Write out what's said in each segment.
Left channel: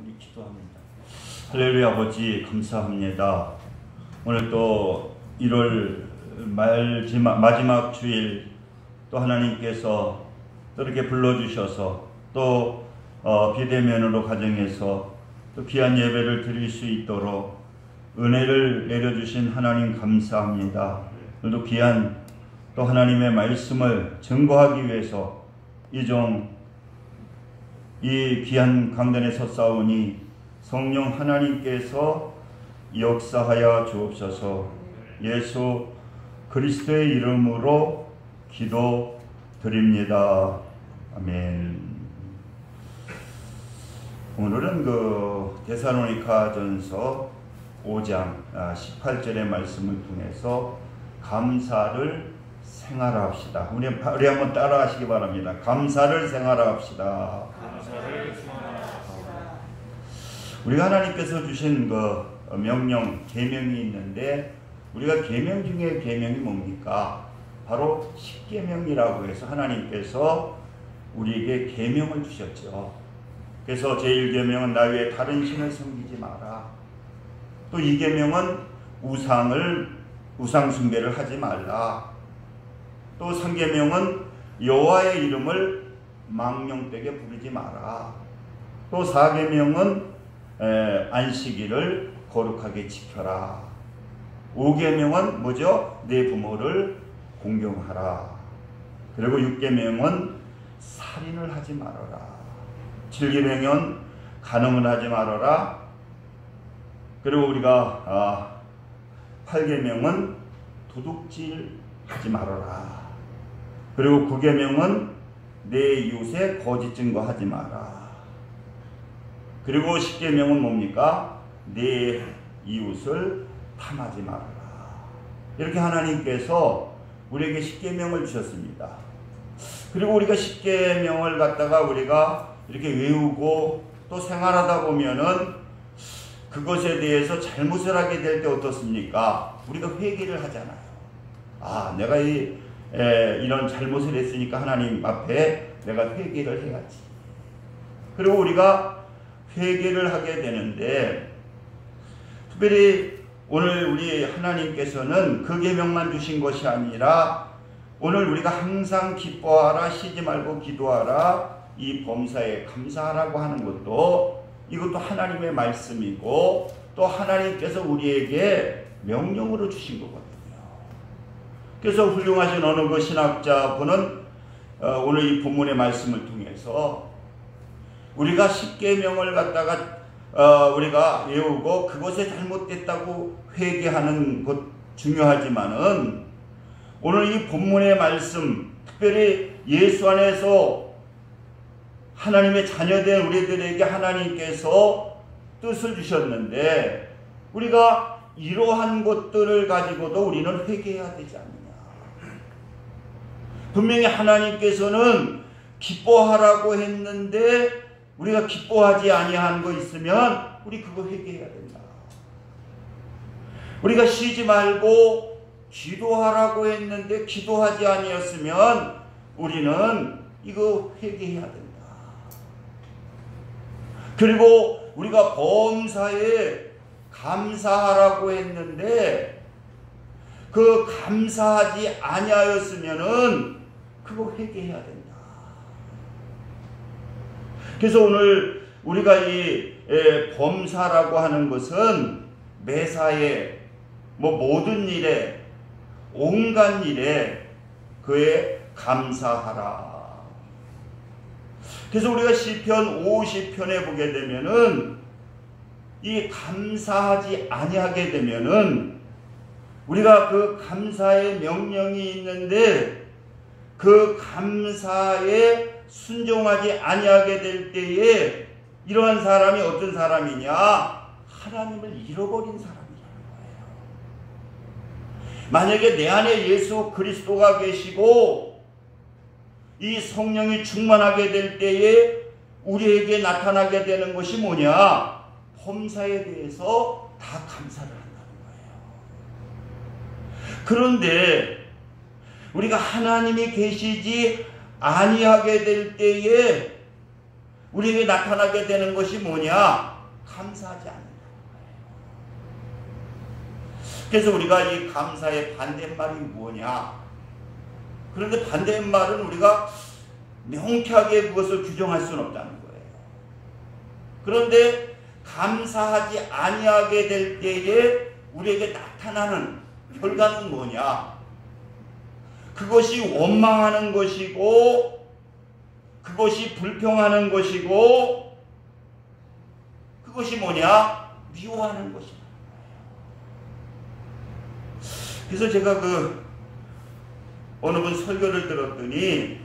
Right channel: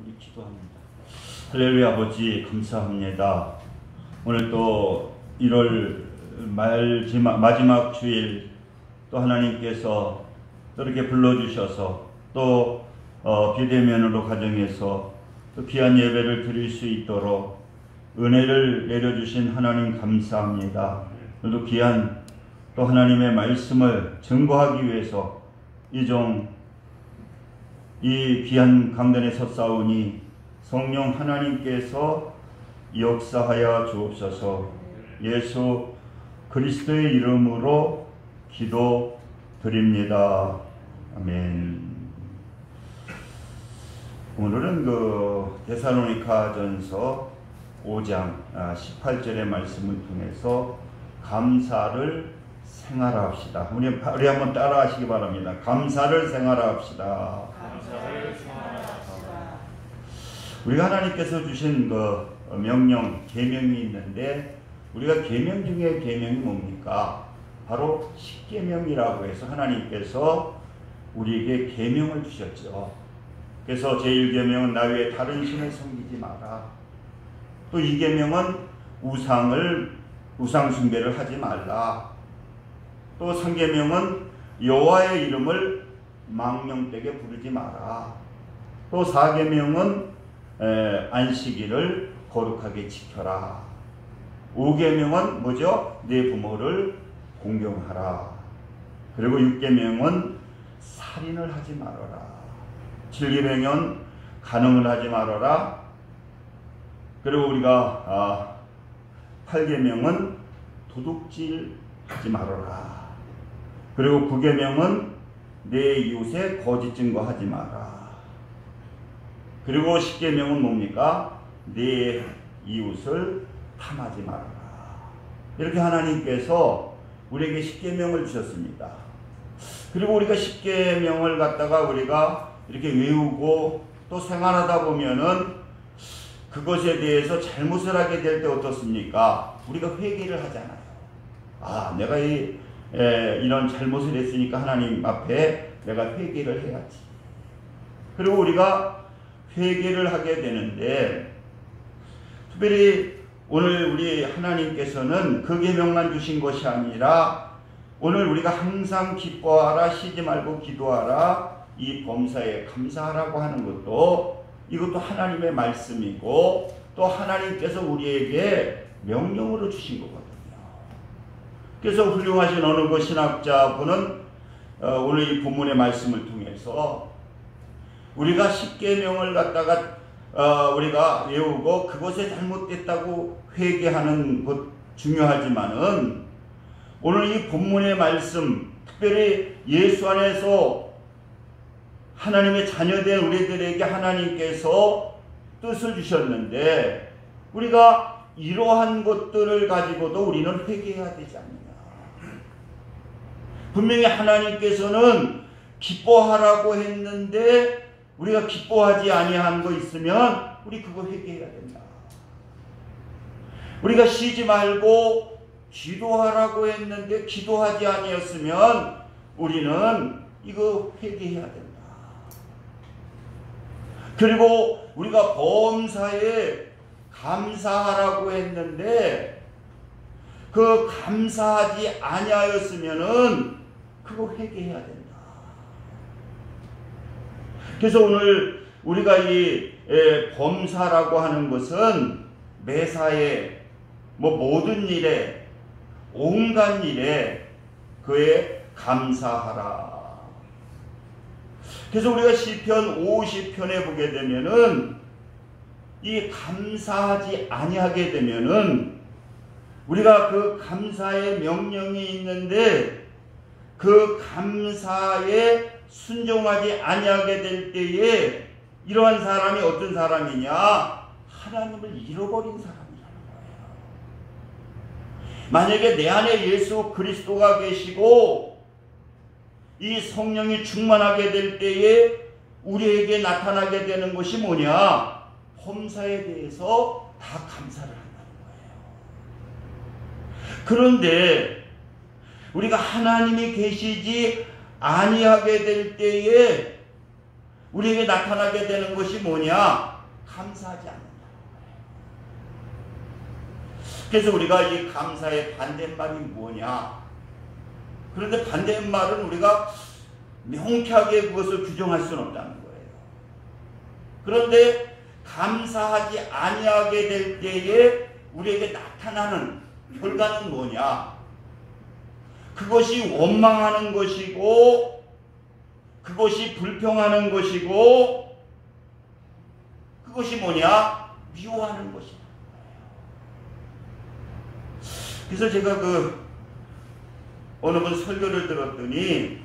우리 기도합니다. 할렐루야. 아버지 감사합니다. 오늘 또 1월 마지막 주일 또 하나님께서 또 이렇게 불러주셔서 또 비대면으로 가정에서 또 귀한 예배를 드릴 수 있도록 은혜를 내려주신 하나님 감사합니다. 오늘도 귀한 또 하나님의 말씀을 증거하기 위해서 이 귀한 강단에 섰사오니 성령 하나님께서 역사하여 주옵소서. 예수 그리스도의 이름으로 기도드립니다. 아멘. 오늘은 데살로니가전서 5장 18절의 말씀을 통해서 감사를 생활합시다. 우리 한번 따라하시기 바랍니다. 감사를 생활합시다. 우리가 하나님께서 주신 명령, 계명이 있는데 우리가 계명 중에 계명이 뭡니까? 바로 십계명이라고 해서 하나님께서 우리에게 계명을 주셨죠. 그래서 제1계명은 나 외에 다른 신을 섬기지 마라. 또 2계명은 우상 숭배를 하지 말라. 또 3계명은 여호와의 이름을 망령되게 부르지 마라. 또 4계명은 안식일을 거룩하게 지켜라. 5계명은 뭐죠? 내 부모를 공경하라. 그리고 6계명은 살인을 하지 말아라. 7계명은 간음을 하지 말아라. 그리고 우리가 8계명은 도둑질 하지 말아라. 그리고 9계명은 내 이웃의 거짓 증거하지 마라. 그리고 10계명은 뭡니까? 내 이웃을 탐하지 말아라. 이렇게 하나님께서 우리에게 10계명을 주셨습니다. 그리고 우리가 10계명을 갖다가 우리가 이렇게 외우고 또 생활하다 보면은 그것에 대해서 잘못을 하게 될 때 어떻습니까? 우리가 회개를 하잖아요. 내가 이런 잘못을 했으니까 하나님 앞에 내가 회개를 해야지. 그리고 우리가 회개를 하게 되는데, 특별히 오늘 우리 하나님께서는 그 계명만 주신 것이 아니라 오늘 우리가 항상 기뻐하라, 쉬지 말고 기도하라, 이 범사에 감사하라고 하는 것도 이것도 하나님의 말씀이고 또 하나님께서 우리에게 명령으로 주신 거거든요. 그래서 훌륭하신 어느 신학자분은 오늘 이 본문의 말씀을 통해서 우리가 10계명을 갖다가 우리가 외우고 그것에 잘못됐다고 회개하는 것 중요하지만은 오늘 이 본문의 말씀, 특별히 예수 안에서 하나님의 자녀된 우리들에게 하나님께서 뜻을 주셨는데 우리가 이러한 것들을 가지고도 우리는 회개해야 되지 않느냐. 분명히 하나님께서는 기뻐하라고 했는데 우리가 기뻐하지 아니한 거 있으면 우리 그거 회개해야 된다. 우리가 쉬지 말고 기도하라고 했는데 기도하지 아니었으면 우리는 이거 회개해야 된다. 그리고 우리가 범사에 감사하라고 했는데 그 감사하지 아니하였으면은 그거 회개해야 된다. 그래서 오늘 우리가 이 범사라고 하는 것은 매사에 모든 일에 온갖 일에 그에 감사하라. 그래서 우리가 시편 50편에 보게 되면은 이 감사하지 아니하게 되면은 우리가 그 감사의 명령이 있는데 그 감사에 순종하지 아니하게 될 때에 이러한 사람이 어떤 사람이냐? 하나님을 잃어버린 사람이라는 거예요. 만약에 내 안에 예수 그리스도가 계시고 이 성령이 충만하게 될 때에 우리에게 나타나게 되는 것이 뭐냐? 범사에 대해서 다 감사를 한다는 거예요. 그런데 우리가 하나님이 계시지 아니하게 될 때에 우리에게 나타나게 되는 것이 뭐냐? 감사하지 않는다는 거예요. 그래서 우리가 이 감사의 반대말이 뭐냐? 그런데 반대말은 우리가 명쾌하게 그것을 규정할 수는 없다는 거예요. 그런데 감사하지 아니하게 될 때에 우리에게 나타나는 결과는 뭐냐? 그것이 원망하는 것이고, 그것이 불평하는 것이고, 그것이 뭐냐? 미워하는 것이라는 거예요. 그래서 제가 어느 분 설교를 들었더니,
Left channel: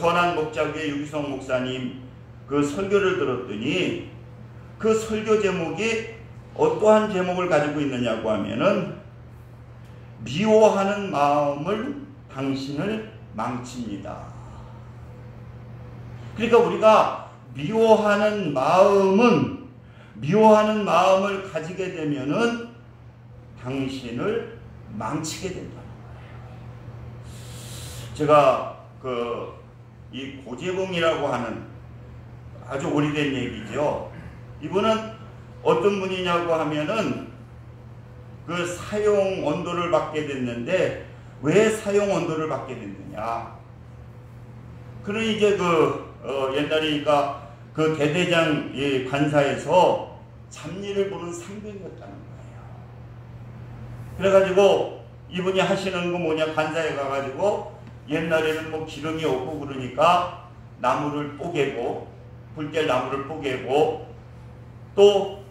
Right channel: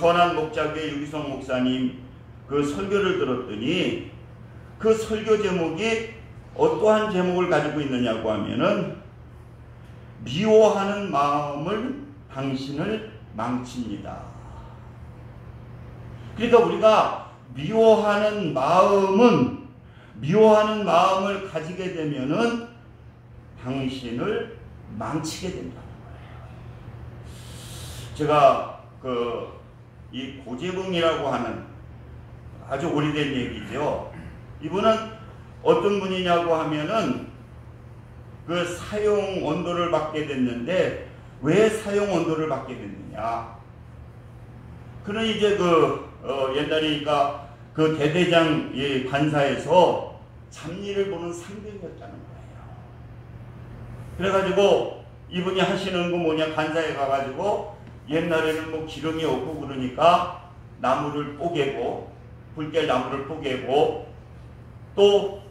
선한 목자교회 유기성 목사님 설교를 들었더니, 그 설교 제목이 어떠한 제목을 가지고 있느냐고 하면은, 미워하는 마음을 당신을 망칩니다. 그러니까 우리가 미워하는 마음을 가지게 되면은 당신을 망치게 된다는 거예요. 제가 이 고재봉이라고 하는 아주 오래된 얘기죠. 이분은 어떤 분이냐고 하면은 사용 언도를 받게 됐는데, 왜 사용 언도를 받게 됐느냐? 그는 이제 옛날이니까 대대장 관사에서 잡일을 보는 상병이었다는 거예요. 그래가지고 이분이 하시는 거 뭐냐? 관사에 가가지고 옛날에는 뭐 기름이 없고 그러니까 나무를 뽀개고, 불깰 나무를 뽀개고, 또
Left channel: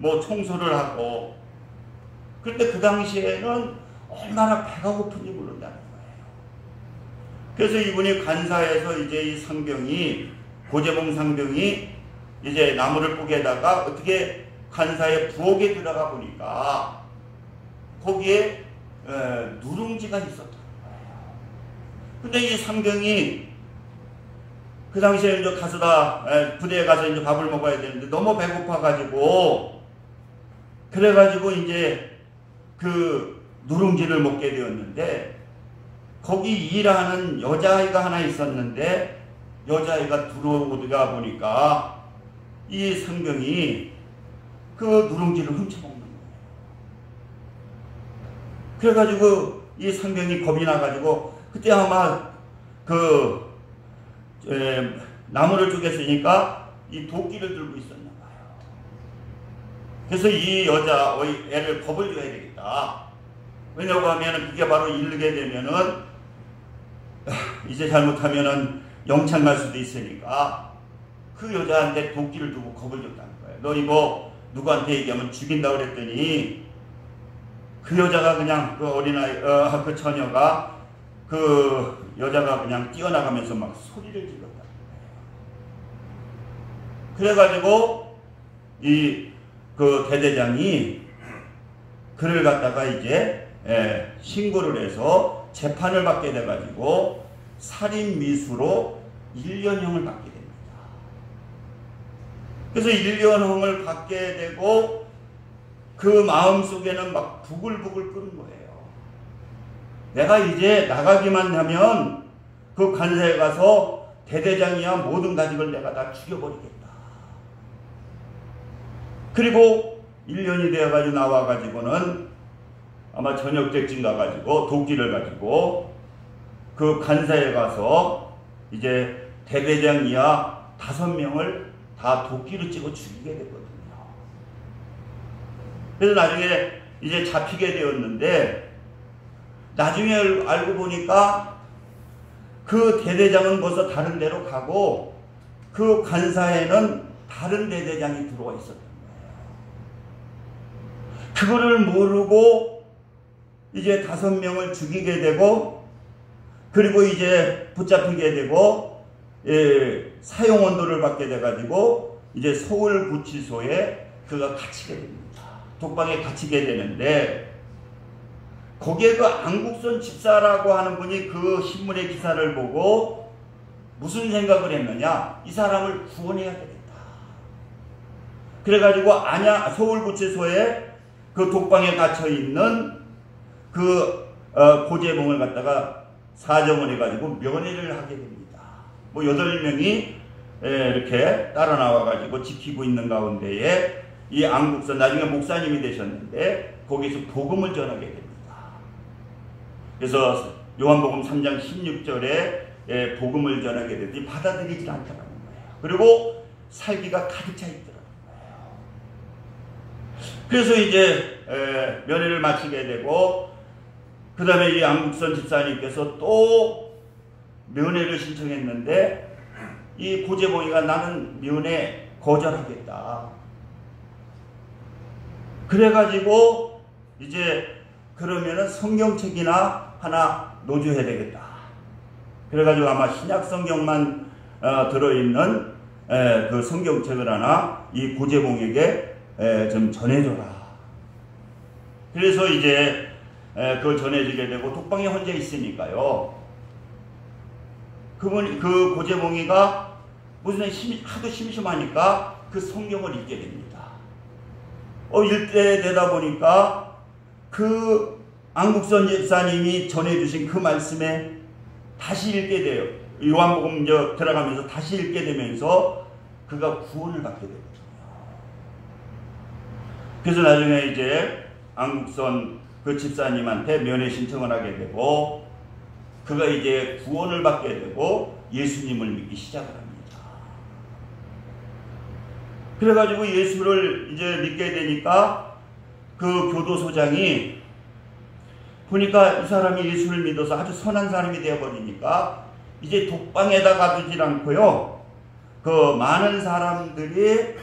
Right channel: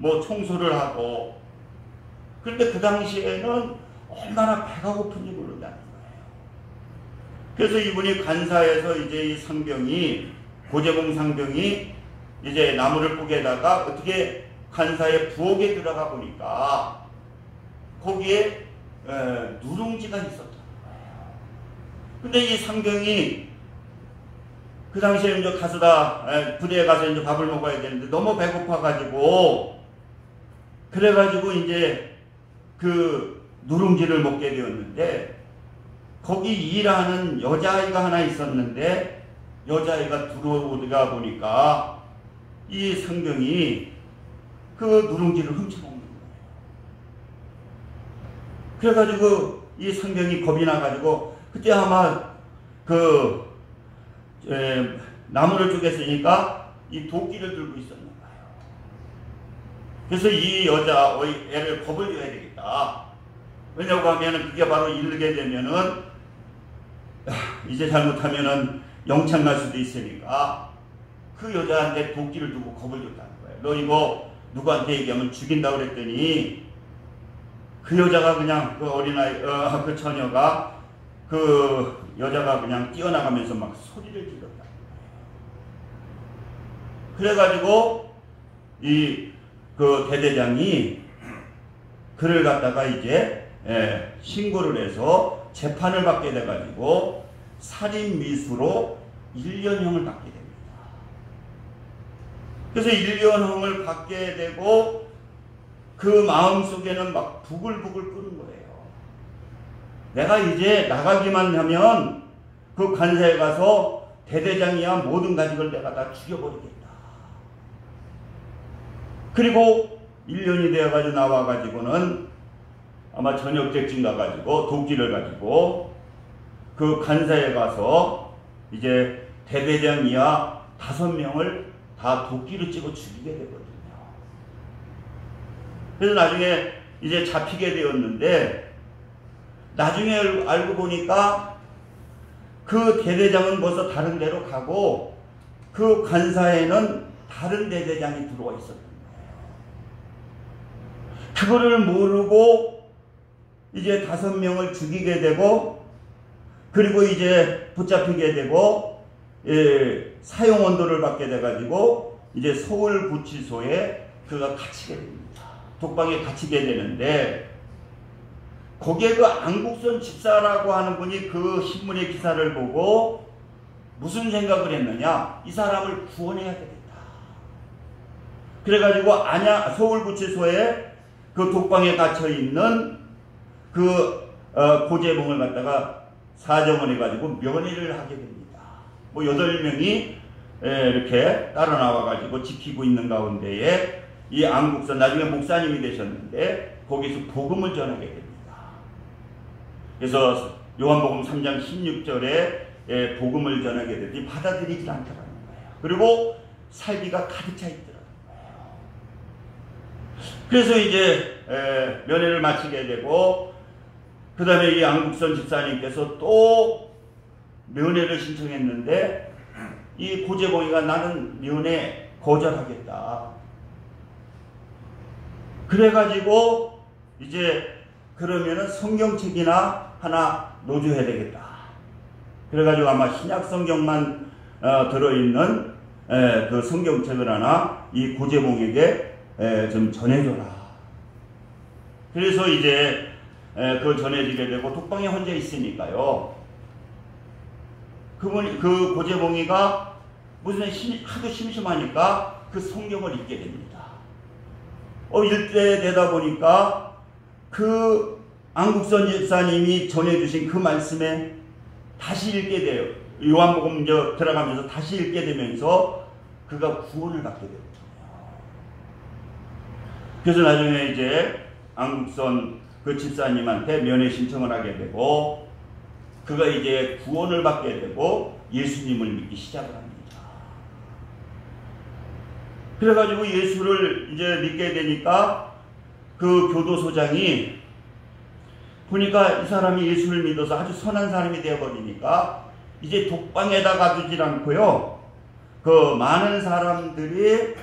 뭐 청소를 하고. 그런데 그 당시에는 얼마나 배가 고픈지 모른다는 거예요. 그래서 이분이 관사에서 이제 이 상병이, 고재봉 상병이 이제 나무를 뽀개다가 어떻게 관사의 부엌에 들어가 보니까 거기에 누룽지가 있었다는 거예요. 근데 이 상병이 그 당시에 이제 부대에 가서 이제 밥을 먹어야 되는데 너무 배고파가지고, 그래가지고 이제 누룽지를 먹게 되었는데, 거기 일하는 여자아이가 하나 있었는데, 여자아이가 들어오다가 보니까 이 상병이 그 누룽지를 훔쳐먹는 거예요. 그래가지고 이 상병이 겁이 나가지고, 그때 아마 나무를 쪼갰으니까 이 도끼를 들고 있었나 봐요. 그래서 이 애를 겁을 줘야 되겠다. 왜냐고 하면은 그게 바로 이르게 되면은 이제 잘못하면은 영창 갈 수도 있으니까 그 여자한테 도끼를 두고 겁을 줬다는 거예요. 너 이거 누구한테 얘기하면 죽인다 그랬더니, 그 여자가 그냥 그 처녀가 여자가 그냥 뛰어나가면서 막 소리를 질렀다는 거예요. 그래가지고 대대장이 그를 갖다가 이제 신고를 해서 재판을 받게 돼가지고 살인미수로 1년형을 받게 됩니다. 그래서 1년형을 받게 되고 그 마음속에는 막 부글부글 끓는 거예요. 내가 이제 나가기만 하면 그 관사에 가서 대대장이야 모든 가족을 내가 다 죽여버리겠다. 그리고 1년이 되어가지고 나와가지고는 아마 저녁 때쯤 가가지고 도끼를 가지고 그 관사에 가서 이제 대대장 이하 5명을 다 도끼로 찍어 죽이게 되거든요. 그래서 나중에 이제 잡히게 되었는데, 나중에 알고 보니까 그 대대장은 벌써 다른 데로 가고 그 관사에는 다른 대대장이 들어와 있었던 거예요. 그거를 모르고 이제 5명을 죽이게 되고, 그리고 이제 붙잡히게 되고, 사형 언도를 받게 돼가지고 이제 서울구치소에 그가 갇히게 됩니다. 독방에 갇히게 되는데, 거기에 그 안국선 집사라고 하는 분이 그 신문의 기사를 보고 무슨 생각을 했느냐? 이 사람을 구원해야 되겠다. 그래가지고 서울구치소에 그 독방에 갇혀있는 고재봉을 갖다가 사정을 해가지고 면회를 하게 됩니다. 8명이 이렇게 따라 나와가지고 지키고 있는 가운데에 이 안국선 나중에 목사님이 되셨는데 거기서 복음을 전하게 됩니다. 그래서 요한복음 3장 16절에 복음을 전하게 되더니 받아들이질 않더라는 거예요. 그리고 살기가 가득 차 있더라는 거예요. 그래서 이제 면회를 마치게 되고 그 다음에 이 안국선 집사님께서 또 면회를 신청했는데 이 고재봉이가 나는 면회 거절하겠다. 그래가지고 이제 그러면은 성경책이나 하나 노조해야 되겠다. 그래가지고 아마 신약 성경만 들어있는 그 성경책을 하나 이 고재봉에게 좀 전해줘라. 그래서 이제 그걸 전해지게 되고 독방에 혼자 있으니까요. 그 고재봉이가 무슨 하도 심심하니까 그 성경을 읽게 됩니다. 읽게 되다 보니까 그 안국선 집사님이 전해주신 그 말씀에 다시 읽게 돼요. 요한복음 들어가면서 다시 읽게 되면서 그가 구원을 받게 됩니다. 그래서 나중에 이제 안국선 그 집사님한테 면회 신청을 하게 되고 그가 이제 구원을 받게 되고 예수님을 믿기 시작을 합니다. 그래가지고 예수를 이제 믿게 되니까 그 교도소장이 보니까 이 사람이 예수를 믿어서 아주 선한 사람이 되어버리니까 이제 독방에다 가두질 않고요. 그 많은 사람들이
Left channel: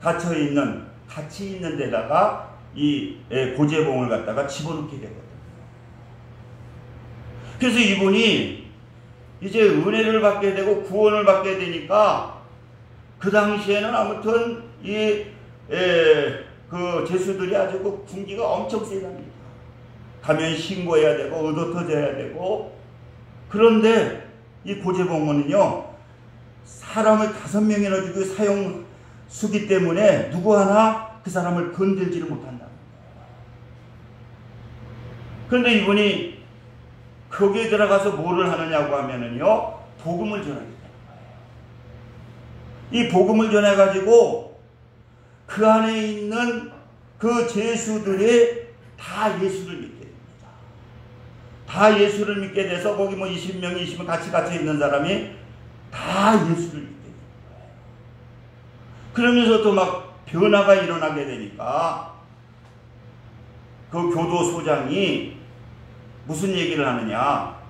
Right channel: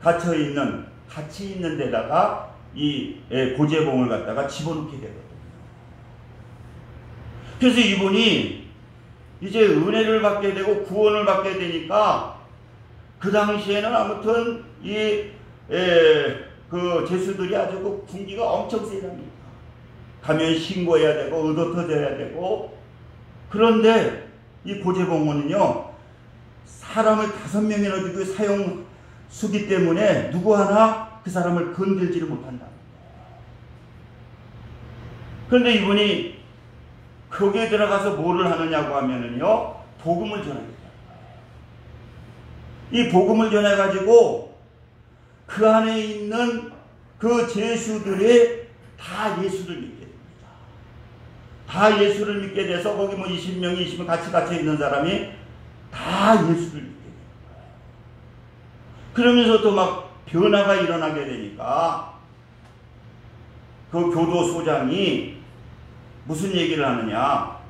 같이 있는 데다가 이 고재봉을 갖다가 집어넣게 되거든요. 그래서 이분이 이제 은혜를 받게 되고 구원을 받게 되니까 그 당시에는 아무튼 그 제수들이 아주 그 군기가 엄청 세답니다. 가면 신고해야 되고 의도 터져야 되고. 그런데 이 고재봉은요 사람을 5명이나 주고 사형 수기 때문에 누구 하나 그 사람을 건들지를 못한다는 거예요. 그런데 이분이 거기에 들어가서 뭐를 하느냐고 하면은요 복음을 전하게 돼요. 이 복음을 전해가지고 그 안에 있는 그 제수들이 다 예수를 믿게 됩니다. 다 예수를 믿게 돼서 거기 뭐 20명, 20명 같이 갇혀 있는 사람이 다 예수를 믿게 됩니다. 그러면서 또 막 변화가 일어나게 되니까 그 교도소장이 무슨 얘기를 하느냐.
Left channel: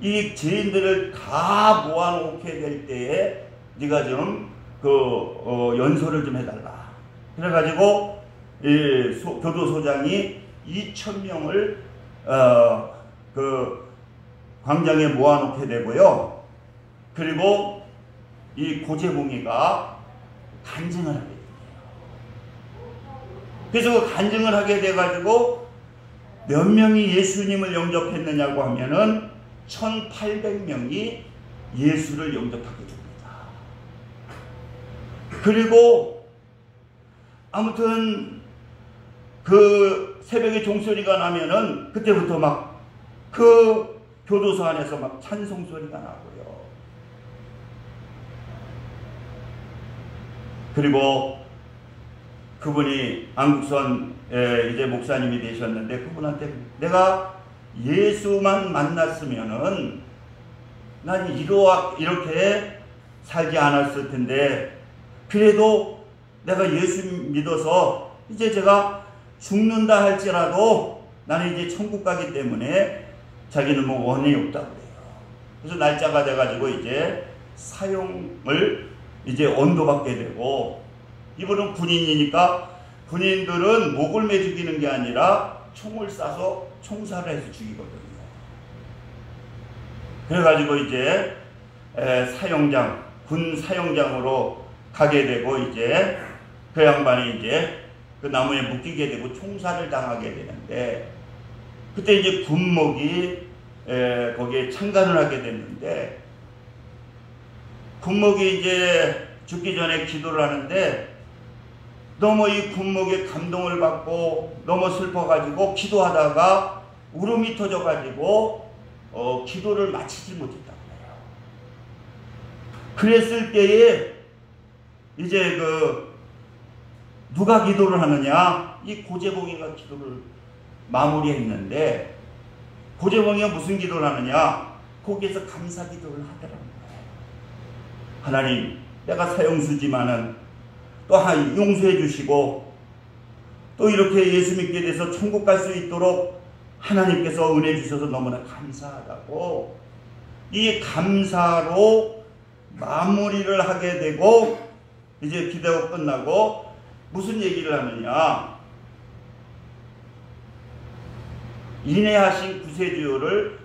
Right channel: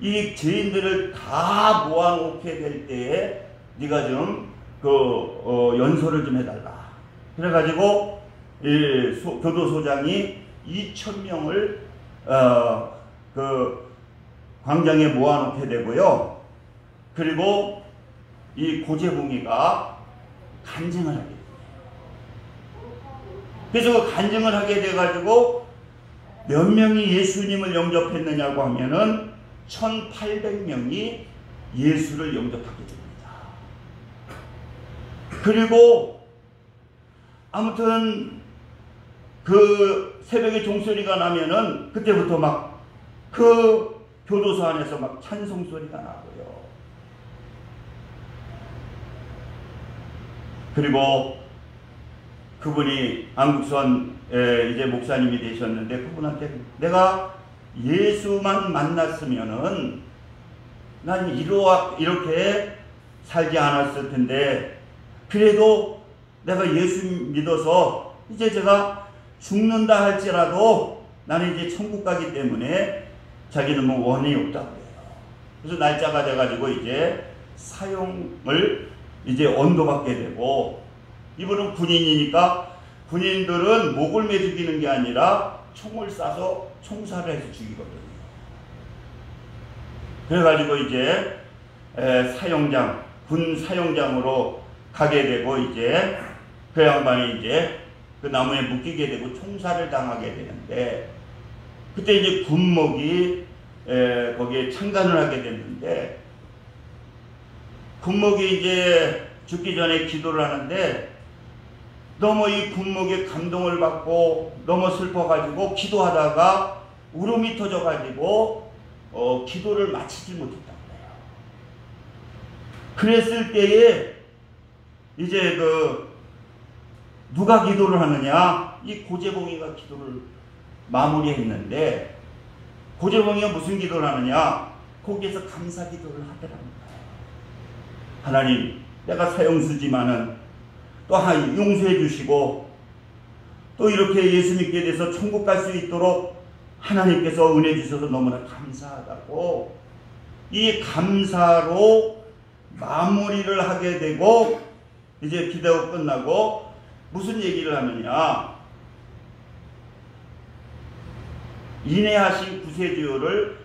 이 죄인들을 다 모아놓게 될 때에 네가 좀 연소를 좀 해달라. 그래가지고 교도소장이 2,000명을 그 광장에 모아놓게 되고요. 그리고 이 고재봉이가 간증을 하게 돼요. 그래서 그 간증을 하게 돼가지고 몇 명이 예수님을 영접했느냐고 하면은 1,800명이 예수를 영접하게 됩니다. 그리고 아무튼 그 새벽에 종소리가 나면은 그때부터 막 그 교도소 안에서 막 찬송 소리가 나고요. 그리고 그분이 안국선 이제 목사님이 되셨는데 그분한테 내가 예수만 만났으면은 난 이렇게 살지 않았을 텐데 그래도 내가 예수 믿어서 이제 제가 죽는다 할지라도 나는 이제 천국 가기 때문에 자기는 뭐 원한이 없다고 해요. 그래서 날짜가 돼가지고 이제 사형을 이제 언도받게 되고 이분은 군인이니까 군인들은 목을 매 죽이는 게 아니라 총을 쏴서 총살을 해서 죽이거든요. 그래가지고 이제 사형장, 군 사형장으로 가게 되고 이제 그 양반이 이제 그 나무에 묶이게 되고 총살을 당하게 되는데 그때 이제 군목이 거기에 참관을 하게 됐는데 군목이 이제 죽기 전에 기도를 하는데 너무 이 군목에 감동을 받고 너무 슬퍼가지고 기도하다가 울음이 터져가지고 기도를 마치지 못했다고 해요. 그랬을 때에 이제 누가 기도를 하느냐? 이 고재봉이가 기도를 마무리했는데, 고재봉이가 무슨 기도를 하느냐? 거기에서 감사 기도를 하더랍니다. 하나님, 내가 사형수지만은 또 하나님 용서해 주시고, 또 이렇게 예수 믿게 돼서 천국 갈 수 있도록 하나님께서 은혜 주셔서 너무나 감사하다고, 이 감사로 마무리를 하게 되고, 이제 기도가 끝나고 무슨 얘기를 하느냐? 인내하신 구세주를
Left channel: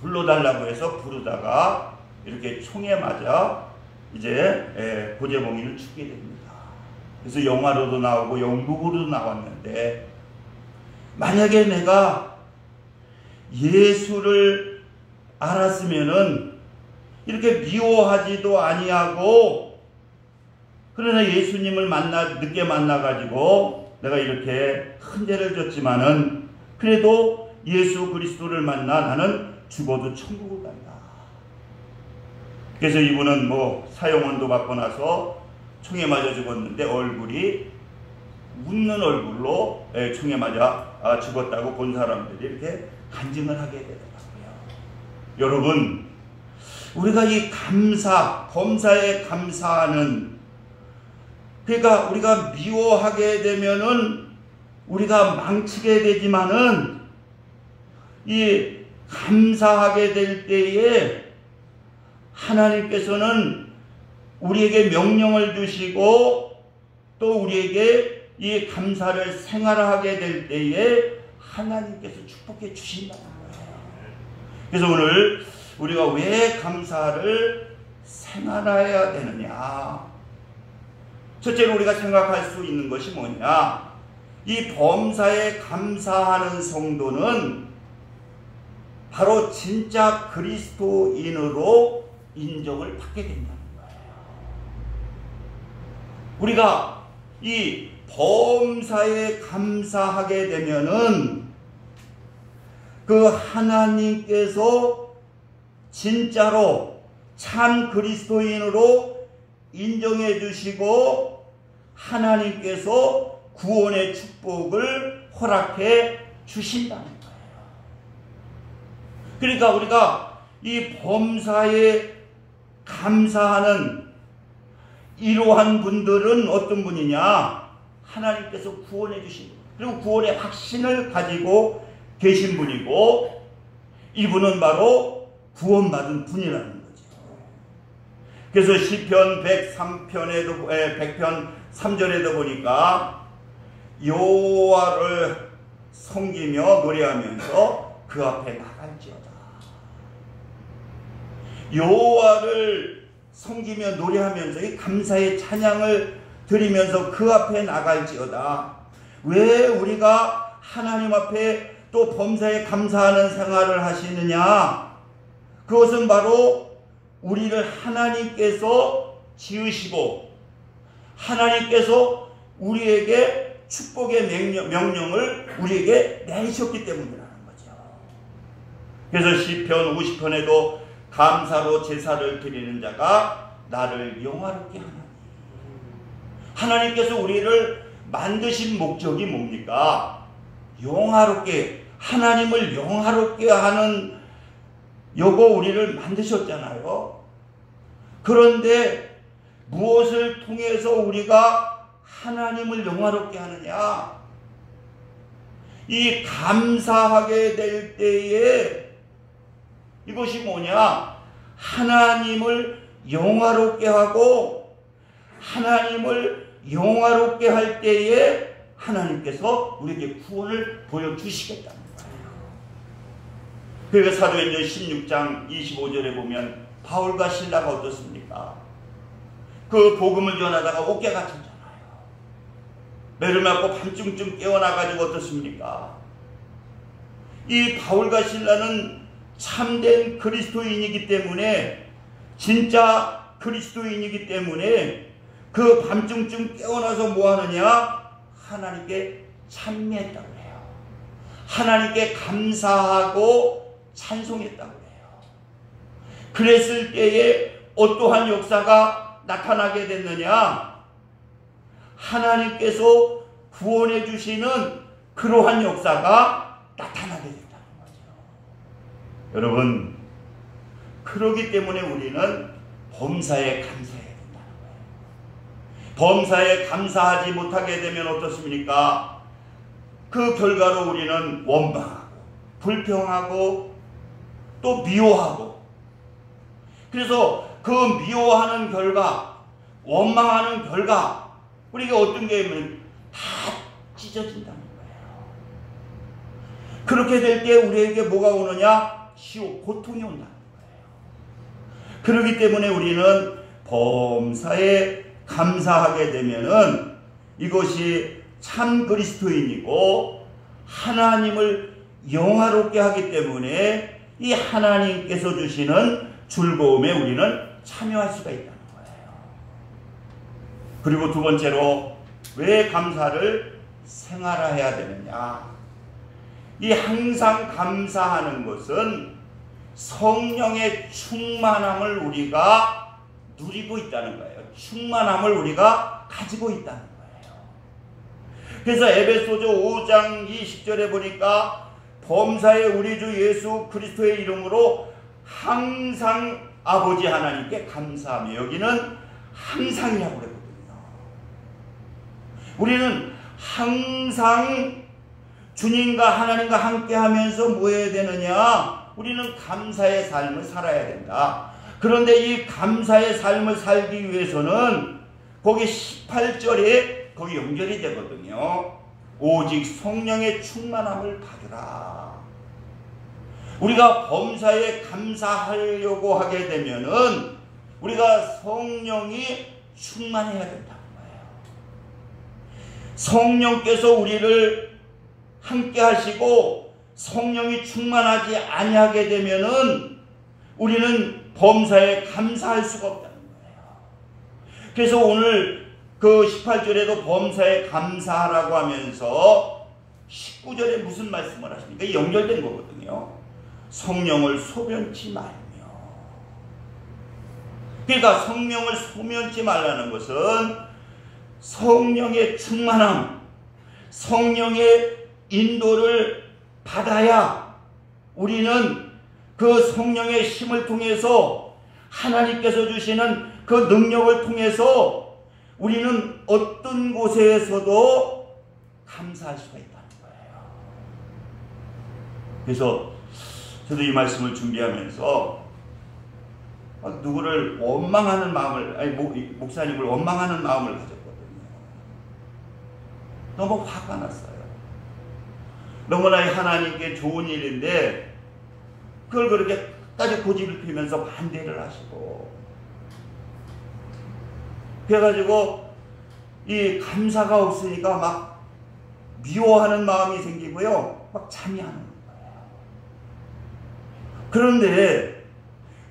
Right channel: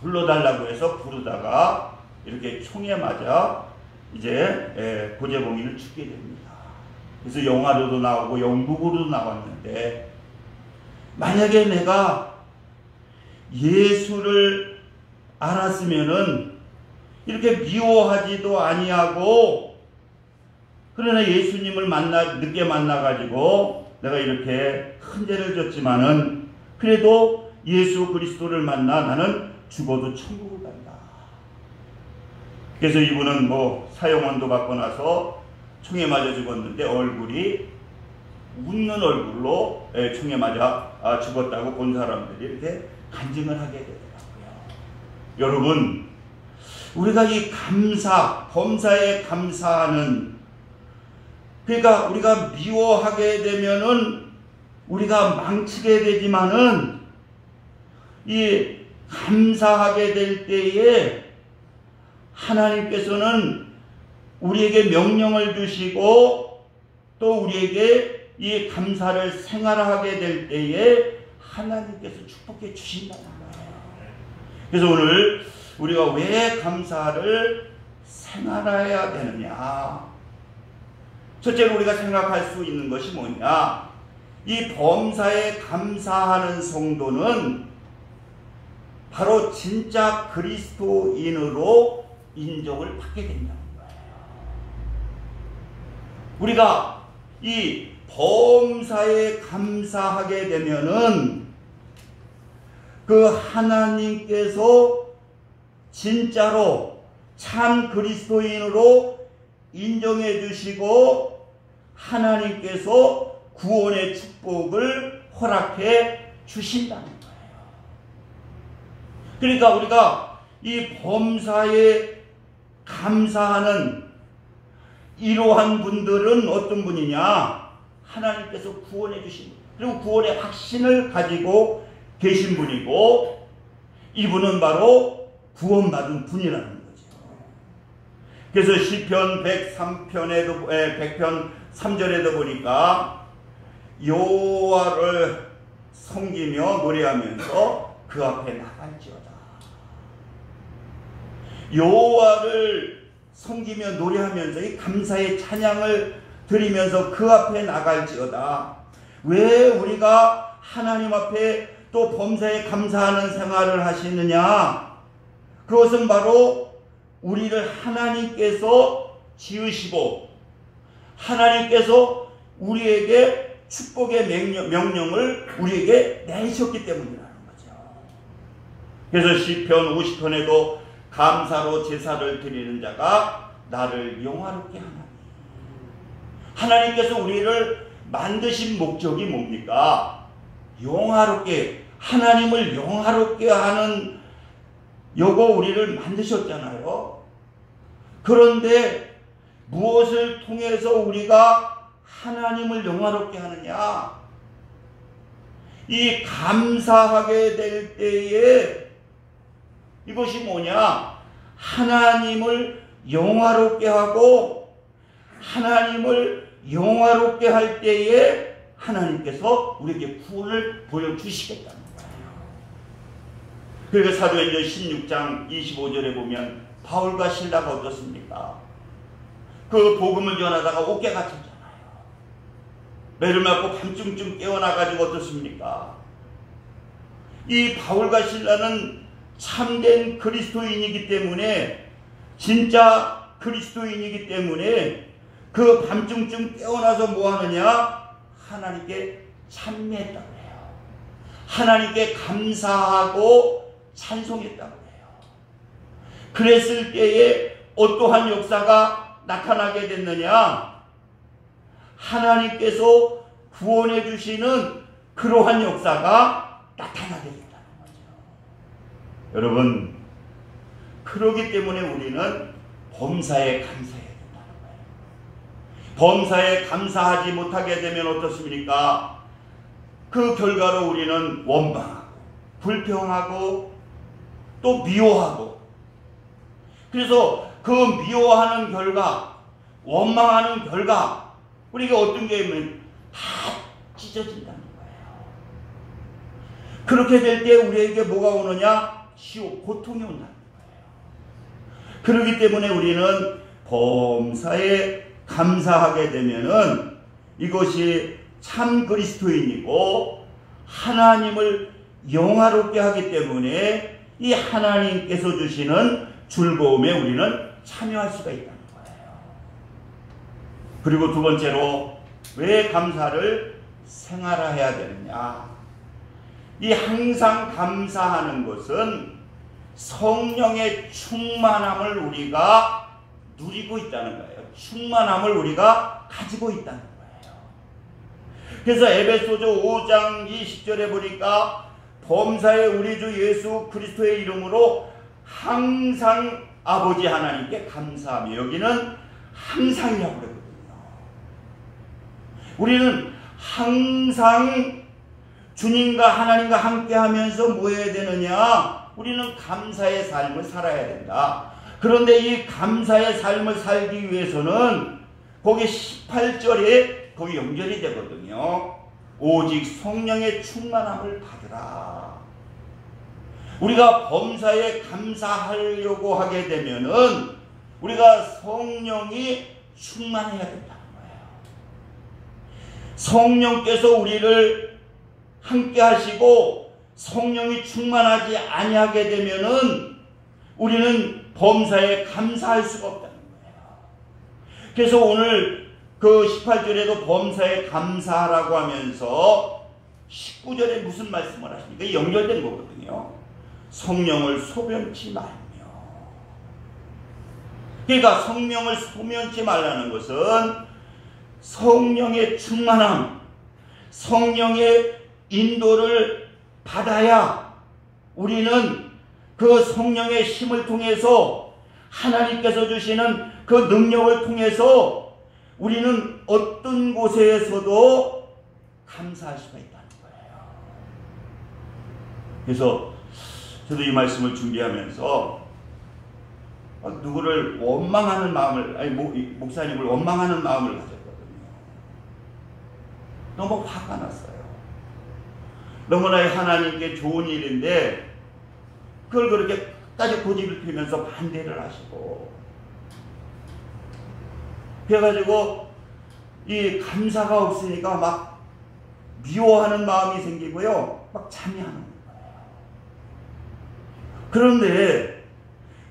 불러달라고 해서 부르다가 이렇게 총에 맞아 이제 고재봉이는 죽게 됩니다. 그래서 영화로도 나오고 영국으로도 나왔는데, 만약에 내가 예수를 알았으면은 이렇게 미워하지도 아니하고, 그러나 예수님을 늦게 만나가지고 내가 이렇게 큰 죄를 졌지만은 그래도 예수 그리스도를 만나 나는 죽어도 천국을 간다. 그래서 이분은 사형원도 받고 나서 총에 맞아 죽었는데 얼굴이 웃는 얼굴로 총에 맞아 죽었다고 본 사람들이 이렇게 간증을 하게 되더라고요. 여러분, 우리가 이 범사에 감사하는, 그러니까 우리가 미워하게 되면은 우리가 망치게 되지만은, 이 감사하게 될 때에 하나님께서는 우리에게 명령을 주시고, 또 우리에게 이 감사를 생활하게 될 때에 하나님께서 축복해 주신다는 거예요. 그래서 오늘 우리가 왜 감사를 생활해야 되느냐? 첫째로 우리가 생각할 수 있는 것이 뭐냐? 이 범사에 감사하는 성도는 바로 진짜 그리스도인으로 인정을 받게 된다는 거예요. 우리가 이 범사에 감사하게 되면은 그 하나님께서 진짜로 참 그리스도인으로 인정해 주시고 하나님께서 구원의 축복을 허락해 주신다는 거예요. 그러니까 우리가 이 범사에 감사하는 이러한 분들은 어떤 분이냐? 하나님께서 구원해 주신, 그리고 구원의 확신을 가지고 계신 분이고, 이분은 바로 구원받은 분이라는 거죠. 그래서 시편 103편에도 100편 3절에도 보니까 여호와를 섬기며 노래하면서 그 앞에 나갈지어다. 여호와를 섬기며 노래하면서 이 감사의 찬양을 드리면서 그 앞에 나갈지어다. 왜 우리가 하나님 앞에 또 범사에 감사하는 생활을 하시느냐? 그것은 바로 우리를 하나님께서 지으시고 하나님께서 우리에게 축복의 명령을 우리에게 내리셨기 때문이라는 거죠. 그래서 시편 50편에도 감사로 제사를 드리는 자가 나를 영화롭게 하나니, 하나님께서 우리를 만드신 목적이 뭡니까? 영화롭게, 하나님을 영화롭게 하는 요거 우리를 만드셨잖아요. 그런데 무엇을 통해서 우리가 하나님을 영화롭게 하느냐? 이 감사하게 될 때에 이것이 뭐냐? 하나님을 영화롭게 하고, 하나님을 영화롭게 할 때에 하나님께서 우리에게 구원을 보여주시겠다는 거예요. 그러니까 사도행전 16장 25절에 보면 바울과 실라가 어떻습니까? 그 복음을 전하다가 옥에 갇혔잖아요. 매를 맞고 밤중쯤 깨어나가지고 어떻습니까? 이 바울과 실라는 참된 그리스도인이기 때문에, 진짜 그리스도인이기 때문에 그 밤중쯤 깨어나서 뭐 하느냐? 하나님께 찬미했다고 해요. 하나님께 감사하고 찬송했다고 해요. 그랬을 때에 어떠한 역사가 나타나게 됐느냐? 하나님께서 구원해 주시는 그러한 역사가 나타나게 됐다는 거죠. 여러분, 그러기 때문에 우리는 범사에 감사해야 된다는 거예요. 범사에 감사하지 못하게 되면 어떻습니까? 그 결과로 우리는 원망하고 불평하고 또 미워하고, 그래서 그 미워하는 결과, 원망하는 결과, 우리가 어떤 게 있으면 다 찢어진다는 거예요. 그렇게 될 때 우리에게 뭐가 오느냐? 시오, 고통이 온다는 거예요. 그렇기 때문에 우리는 범사에 감사하게 되면은 이것이 참 그리스도인이고 하나님을 영화롭게 하기 때문에 이 하나님께서 주시는 즐거움에 우리는 참여할 수가 있다는 거예요. 그리고 두 번째로, 왜 감사를 생활화해야 되느냐? 이 항상 감사하는 것은 성령의 충만함을 우리가 누리고 있다는 거예요. 충만함을 우리가 가지고 있다는 거예요. 그래서 에베소서 5장 20절에 보니까 범사에 우리 주 예수 그리스도의 이름으로 항상 아버지 하나님께 감사하며, 여기는 항상이라고 그러거든요. 우리는 항상 주님과 하나님과 함께 하면서 뭐 해야 되느냐? 우리는 감사의 삶을 살아야 된다. 그런데 이 감사의 삶을 살기 위해서는 거기 18절에 거기 연결이 되거든요. 오직 성령의 충만함을 받으라. 우리가 범사에 감사하려고 하게 되면은 우리가 성령이 충만해야 된다는 거예요. 성령께서 우리를 함께 하시고 성령이 충만하지 아니하게 되면은 우리는 범사에 감사할 수가 없다는 거예요. 그래서 오늘 그 18절에도 범사에 감사하라고 하면서 19절에 무슨 말씀을 하십니까? 연결된 거거든요. 성령을 소변치 말며. 그러니까 성령을 소변치 말라는 것은 성령의 충만함, 성령의 인도를 받아야 우리는 그 성령의 힘을 통해서 하나님께서 주시는 그 능력을 통해서 우리는 어떤 곳에서도 감사할 수가 있다는 거예요. 그래서 저도 이 말씀을 준비하면서 누구를 원망하는 마음을, 아니 목사님을 원망하는 마음을 가졌거든요. 너무 화가 났어요. 너무나 하나님께 좋은 일인데 그걸 그렇게 끝까지 고집을 피우면서 반대를 하시고, 그래가지고 이 감사가 없으니까 막 미워하는 마음이 생기고요, 막 참여하는 거예요. 그런데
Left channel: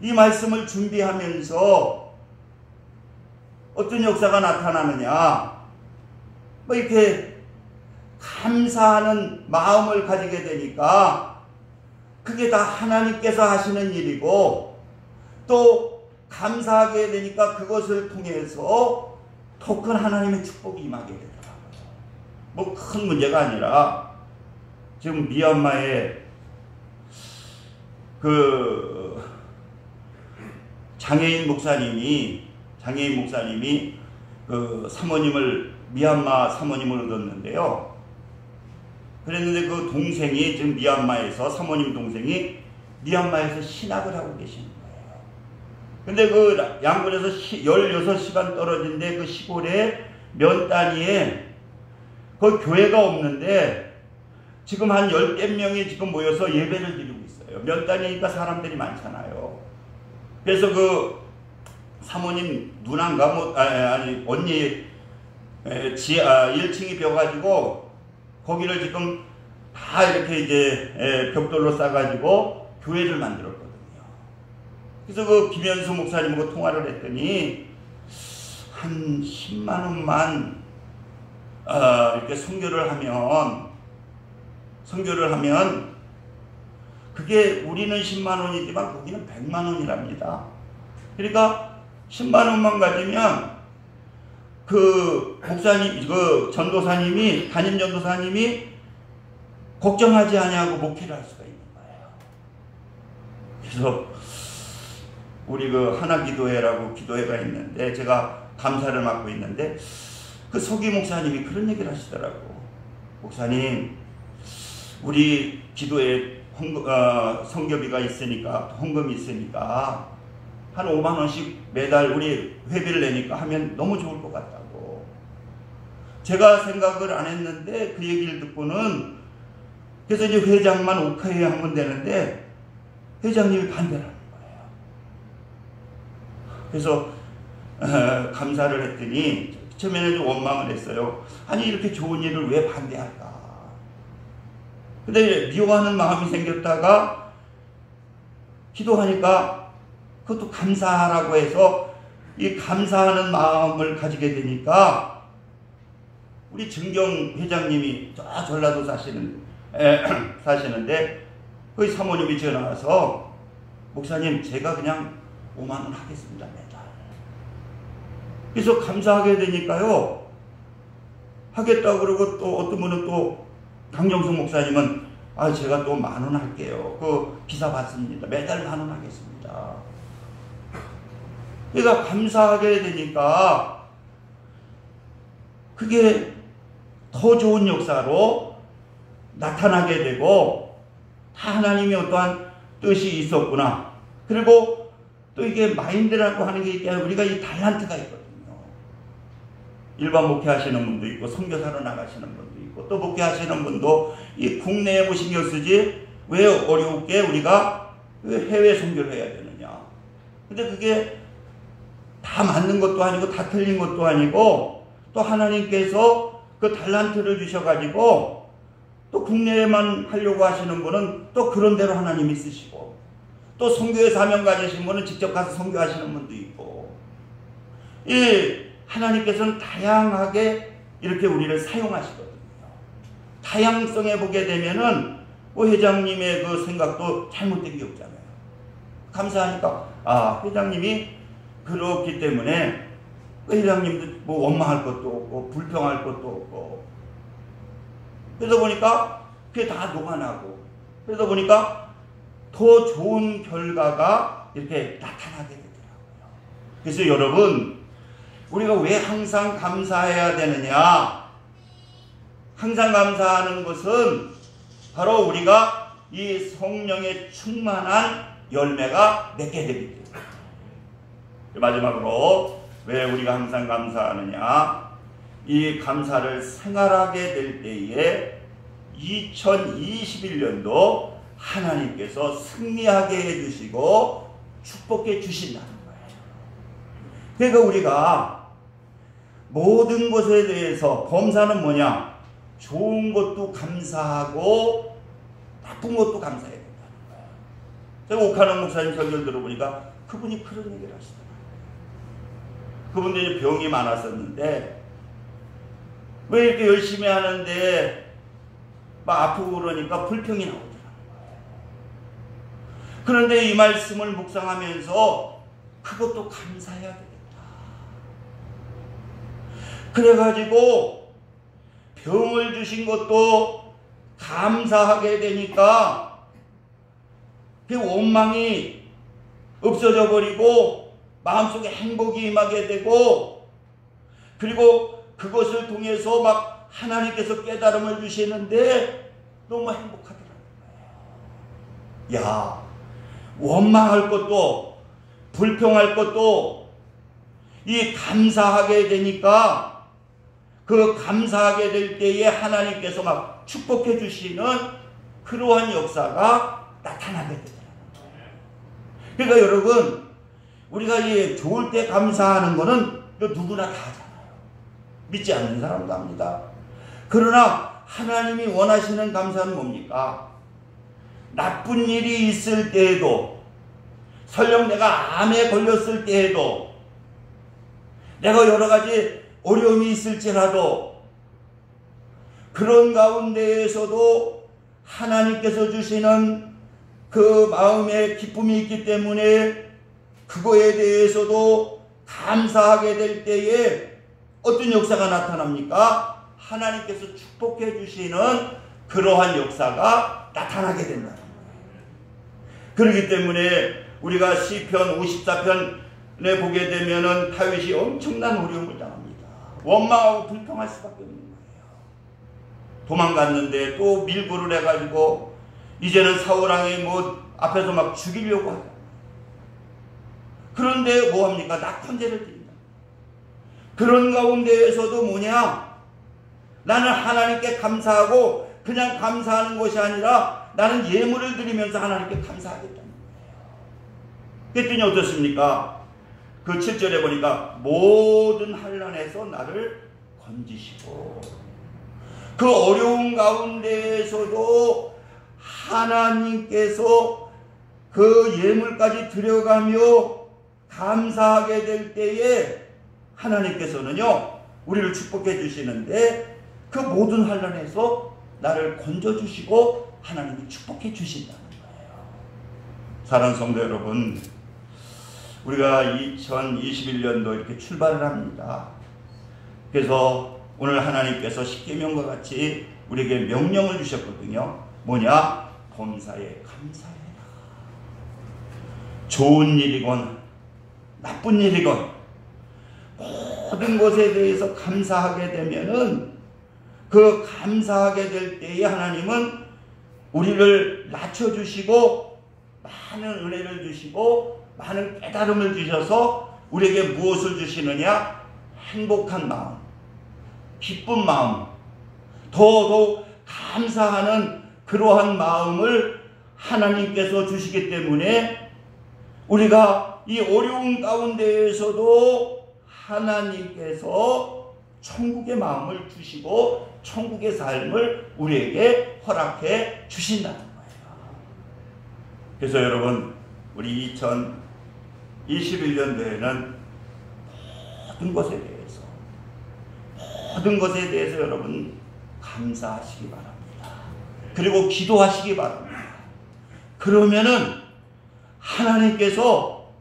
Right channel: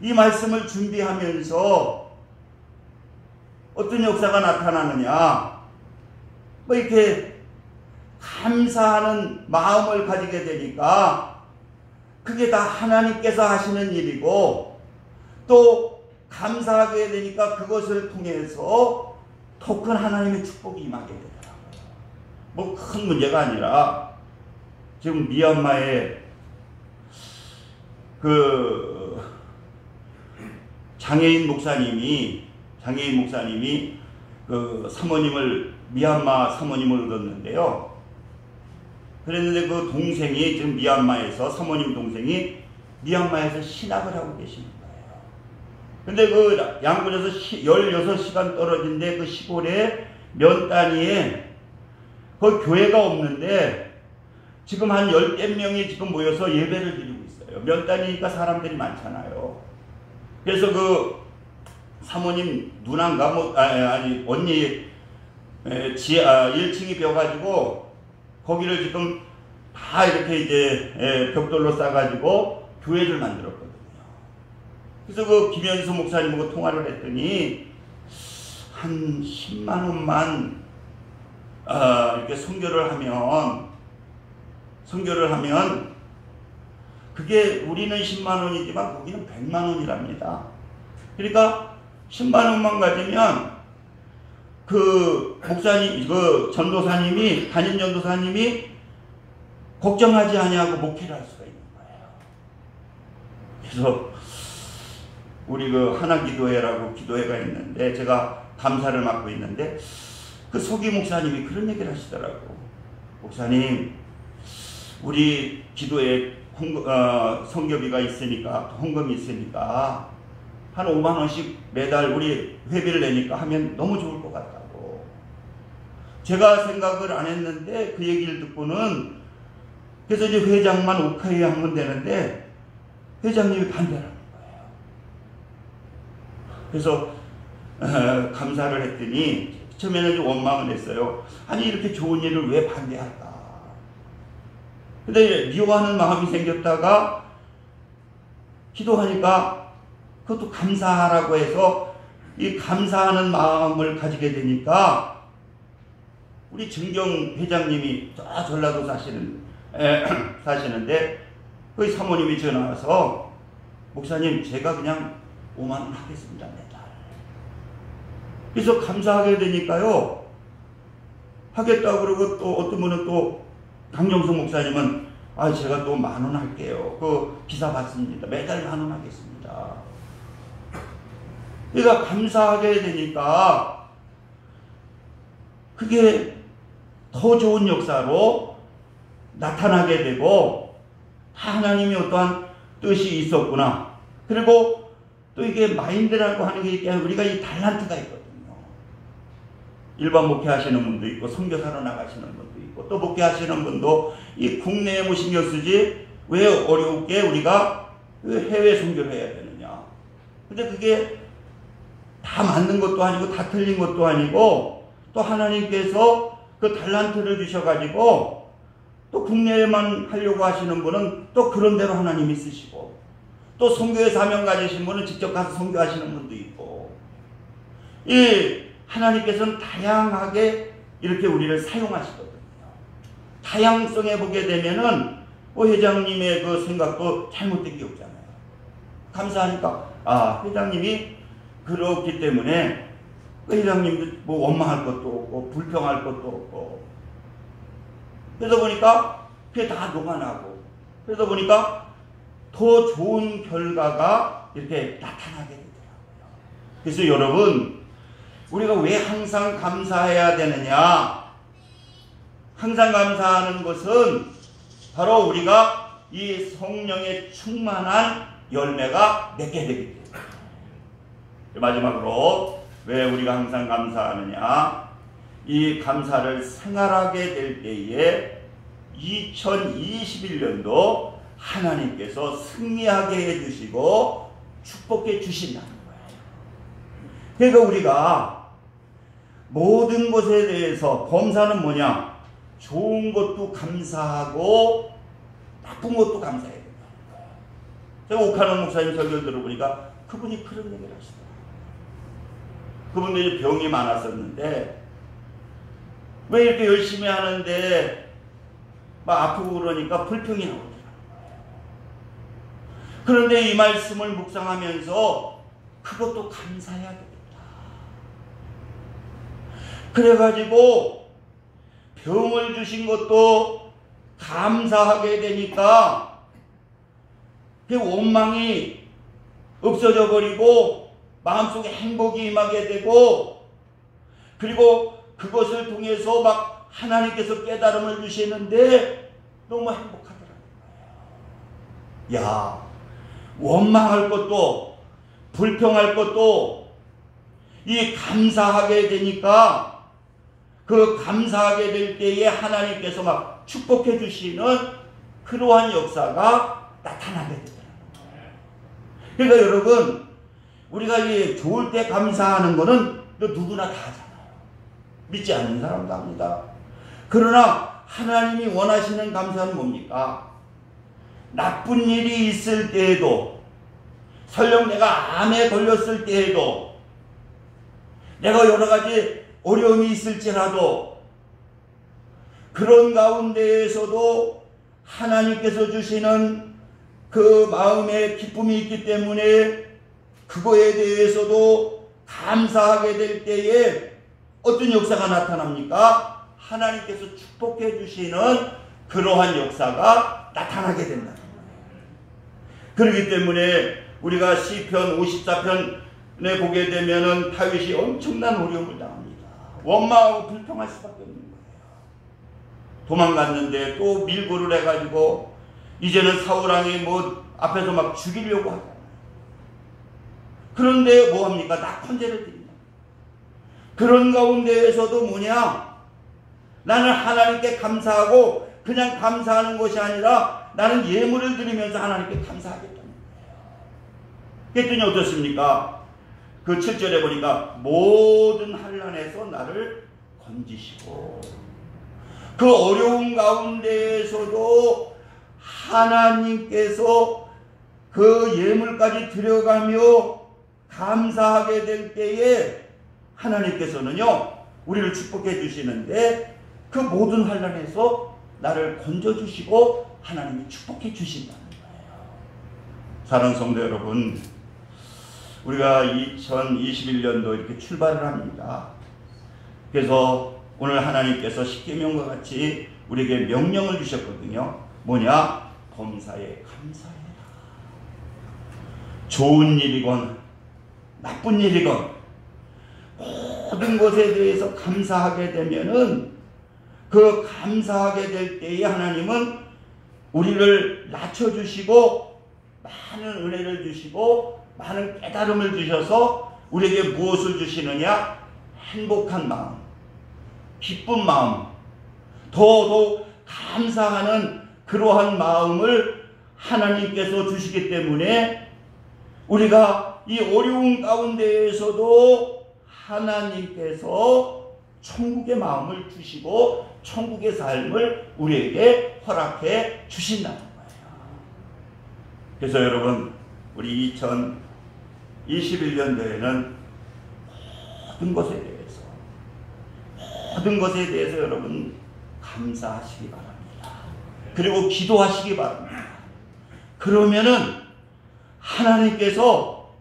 이 말씀을 준비하면서 어떤 역사가 나타나느냐? 뭐 이렇게 감사하는 마음을 가지게 되니까 그게 다 하나님께서 하시는 일이고, 또 감사하게 되니까 그것을 통해서 더 큰 하나님의 축복이 임하게 되더라고요. 뭐 큰 문제가 아니라 지금 미얀마에 그 장애인 목사님이 그 사모님을, 미얀마 사모님을 얻었는데요. 그랬는데 그 동생이 지금 미얀마에서, 사모님 동생이 미얀마에서 신학을 하고 계시는 거예요. 근데 그 양곤에서 16시간 떨어진 데 그 시골에 면 단위에 그 교회가 없는데 지금 한 10개 명이 지금 모여서 예배를 드리고 있어요. 면 단위니까 사람들이 많잖아요. 그래서 그 사모님 누나인가 뭐 아니 언니 지하 1층이 비어가지고 거기를 지금 다 이렇게 이제 벽돌로 싸가지고 교회를 만들었거든요. 그래서 그 김현수 목사님하고 통화를 했더니 한 10만 원만 이렇게 선교를 하면 그게 우리는 10만 원이지만 거기는 100만 원이랍니다. 그러니까 10만 원만 가지면 그 목사님, 그 전도사님이, 담임 전도사님이 걱정하지 아니하고 목회를 할 수가 있는 거예요. 그래서 우리 그 하나기도회라고 기도회가 있는데 제가 감사를 맡고 있는데 그 서기 목사님이 그런 얘기를 하시더라고. 목사님, 우리 기도에 성교비가 있으니까, 헌금이 있으니까 한 5만 원씩 매달 우리 회비를 내니까 하면 너무 좋을 것 같다고. 제가 생각을 안 했는데 그 얘기를 듣고는, 그래서 이제 회장만 오케이 하면 되는데 회장님이 반대를 하는 거예요. 그래서 감사를 했더니 처음에는 좀 원망을 했어요. 아니 이렇게 좋은 일을 왜 반대할까. 근데 미워하는 마음이 생겼다가 기도하니까 그것도 감사하라고 해서 이 감사하는 마음을 가지게 되니까 우리 증경 회장님이 저 전라도 사시는데 그 사모님이 전화 와서 목사님 제가 그냥 5만 원 하겠습니다 매달. 그래서 감사하게 되니까요 하겠다고 그러고 또 어떤 분은 또 강정수 목사님은 아 제가 또 1만 원 할게요. 그 기사 받습니다. 매달 1만 원 하겠습니다. 그러니까 감사하게 되니까 그게 더 좋은 역사로 나타나게 되고 다 하나님의 어떠한 뜻이 있었구나. 그리고 또 이게 마인드라고 하는 게 있게 우리가 이 달란트가 있거든요. 일반 목회하시는 분도 있고 선교사로 나가시는 분도 있고 또 목회하시는 분도 이 국내에 뭐 신경 쓰지 왜 어렵게 우리가 해외 선교를 해야 되느냐. 근데 그게 다 맞는 것도 아니고 다 틀린 것도 아니고 또 하나님께서 그 달란트를 주셔가지고 또 국내에만 하려고 하시는 분은 또 그런 대로 하나님이 쓰시고 또 선교의 사명 가지신 분은 직접 가서 선교하시는 분도 있고 이 하나님께서는 다양하게 이렇게 우리를 사용하시거든요. 다양성에 보게 되면은 회장님의 그 생각도 잘못된 게 없잖아요. 감사하니까 아 회장님이 그렇기 때문에 회장님도 뭐 원망할 것도 없고 불평할 것도 없고 그러다 보니까 그게 다 녹아나고 그러다 보니까 더 좋은 결과가 이렇게 나타나게 되더라고요. 그래서 여러분 우리가 왜 항상 감사해야 되느냐? 항상 감사하는 것은 바로 우리가 이 성령의 충만한 열매가 맺게 되기 때문에. 마지막으로 왜 우리가 항상 감사하느냐? 이 감사를 생활하게 될 때에 2021년도 하나님께서 승리하게 해주시고 축복해 주신다는 거예요. 그러니까 우리가 모든 것에 대해서 범사는 뭐냐? 좋은 것도 감사하고 나쁜 것도 감사해야 된다는 거예요. 제가 옥하는 목사님 설교를 들어보니까 그분이 그런 얘기를 하시더라고요. 그분들이 병이 많았었는데 왜 이렇게 열심히 하는데 막 아프고 그러니까 불평이 나오더라고요. 그런데 이 말씀을 묵상하면서 그것도 감사해야 되겠다. 그래가지고 병을 주신 것도 감사하게 되니까 그 원망이 없어져 버리고 마음속에 행복이 임하게 되고 그리고 그것을 통해서 막 하나님께서 깨달음을 주시는데 너무 행복하더라고요. 야, 원망할 것도 불평할 것도 이 감사하게 되니까 그 감사하게 될 때에 하나님께서 막 축복해 주시는 그러한 역사가 나타나게 되더라고요. 그러니까 여러분 우리가 이 좋을 때 감사하는 거는 누구나 다 하잖아요. 믿지 않는 사람도 합니다. 그러나 하나님이 원하시는 감사는 뭡니까? 나쁜 일이 있을 때에도 설령 내가 암에 걸렸을 때에도 내가 여러 가지 어려움이 있을지라도 그런 가운데에서도 하나님께서 주시는 그 마음의 기쁨이 있기 때문에 그거에 대해서도 감사하게 될 때에 어떤 역사가 나타납니까? 하나님께서 축복해 주시는 그러한 역사가 나타나게 된다. 그렇기 때문에 우리가 시편 54편에 보게 되면은 다윗이 엄청난 어려움을 당합니다. 원망하고 불평할 수밖에 없는 거예요. 도망갔는데 또 밀고를 해가지고 이제는 사울왕이 뭐 앞에서 막 죽이려고 하잖아요. 그런데 뭐합니까? 낙헌제를 드린다. 그런 가운데에서도 뭐냐? 나는 하나님께 감사하고 그냥 감사하는 것이 아니라 나는 예물을 드리면서 하나님께 감사하겠다는 거예요. 그랬더니 어떻습니까? 그 7절에 보니까 모든 환난에서 나를 건지시고 그 어려운 가운데에서도 하나님께서 그 예물까지 드려가며 감사하게 될 때에 하나님께서는요 우리를 축복해 주시는데 그 모든 환난에서 나를 건져주시고 하나님이 축복해 주신다는 거예요. 사랑하는 성도 여러분, 우리가 2021년도 이렇게 출발을 합니다. 그래서 오늘 하나님께서 십계명과 같이 우리에게 명령을 주셨거든요. 뭐냐? 범사에 감사해라. 좋은 일이건 나쁜 일이건 모든 것에 대해서 감사하게 되면은 그 감사하게 될 때에 하나님은 우리를 낮춰주시고 많은 은혜를 주시고 많은 깨달음을 주셔서 우리에게 무엇을 주시느냐? 행복한 마음, 기쁜 마음, 더더욱 감사하는 그러한 마음을 하나님께서 주시기 때문에 우리가 이 어려운 가운데에서도 하나님께서 천국의 마음을 주시고 천국의 삶을 우리에게 허락해 주신다는 거예요. 그래서 여러분, 우리 2021년도에는 모든 것에 대해서 여러분 감사하시기 바랍니다. 그리고 기도하시기 바랍니다. 그러면은 하나님께서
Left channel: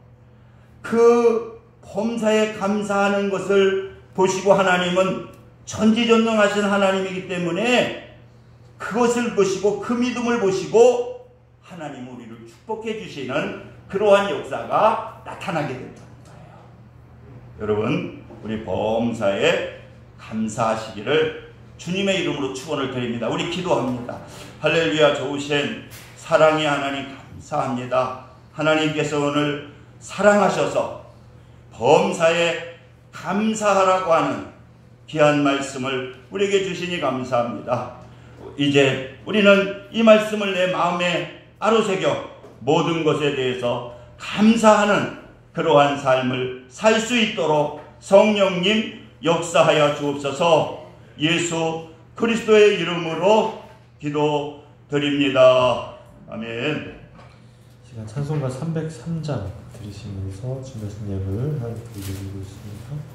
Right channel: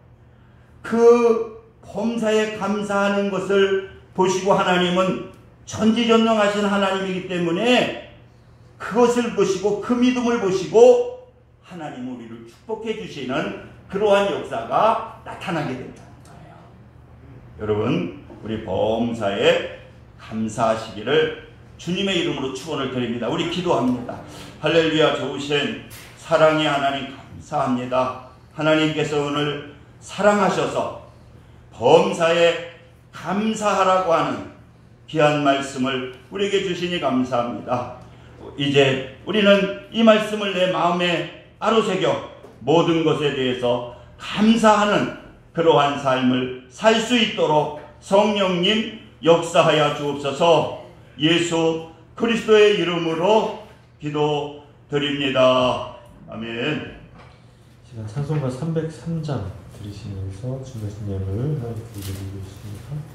그 범사에 감사하는 것을 보시고 하나님은 전지전능하신 하나님이기 때문에 그것을 보시고 그 믿음을 보시고 하나님 우리를 축복해 주시는 그러한 역사가 나타나게 된다는 거예요. 여러분, 우리 범사에 감사하시기를 주님의 이름으로 축원을 드립니다. 우리 기도합니다. 할렐루야. 좋으신 사랑의 하나님 감사합니다. 하나님께서 오늘 사랑하셔서 범사에 감사하라고 하는 귀한 말씀을 우리에게 주시니 감사합니다. 이제 우리는 이 말씀을 내 마음에 아로새겨 모든 것에 대해서 감사하는 그러한 삶을 살 수 있도록 성령님 역사하여 주옵소서. 예수 그리스도의 이름으로 기도드립니다. 아멘. 제가 찬송가 303장 들으시면서 주의 성령을 함께 드리고 있습니다.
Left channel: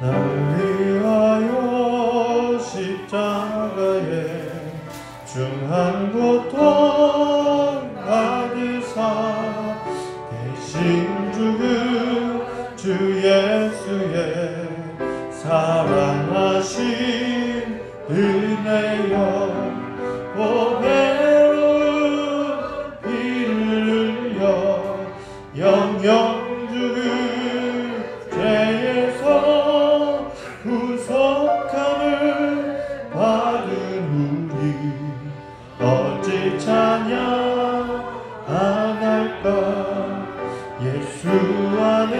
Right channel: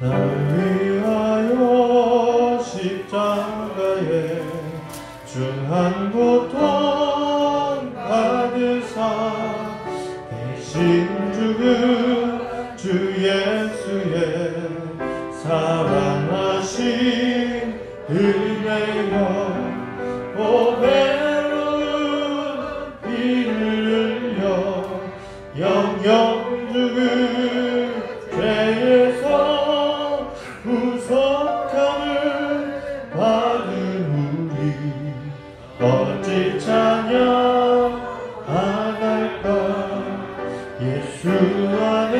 나를 위하여 십자가에 중한 고통 받으사 대신 죽은 주 예수의 사랑하신 은혜여 보배로운 피를 흘려 영영 죽은 죄에서 구속함을 받은 우리 어찌 찬양할까. 예수 안에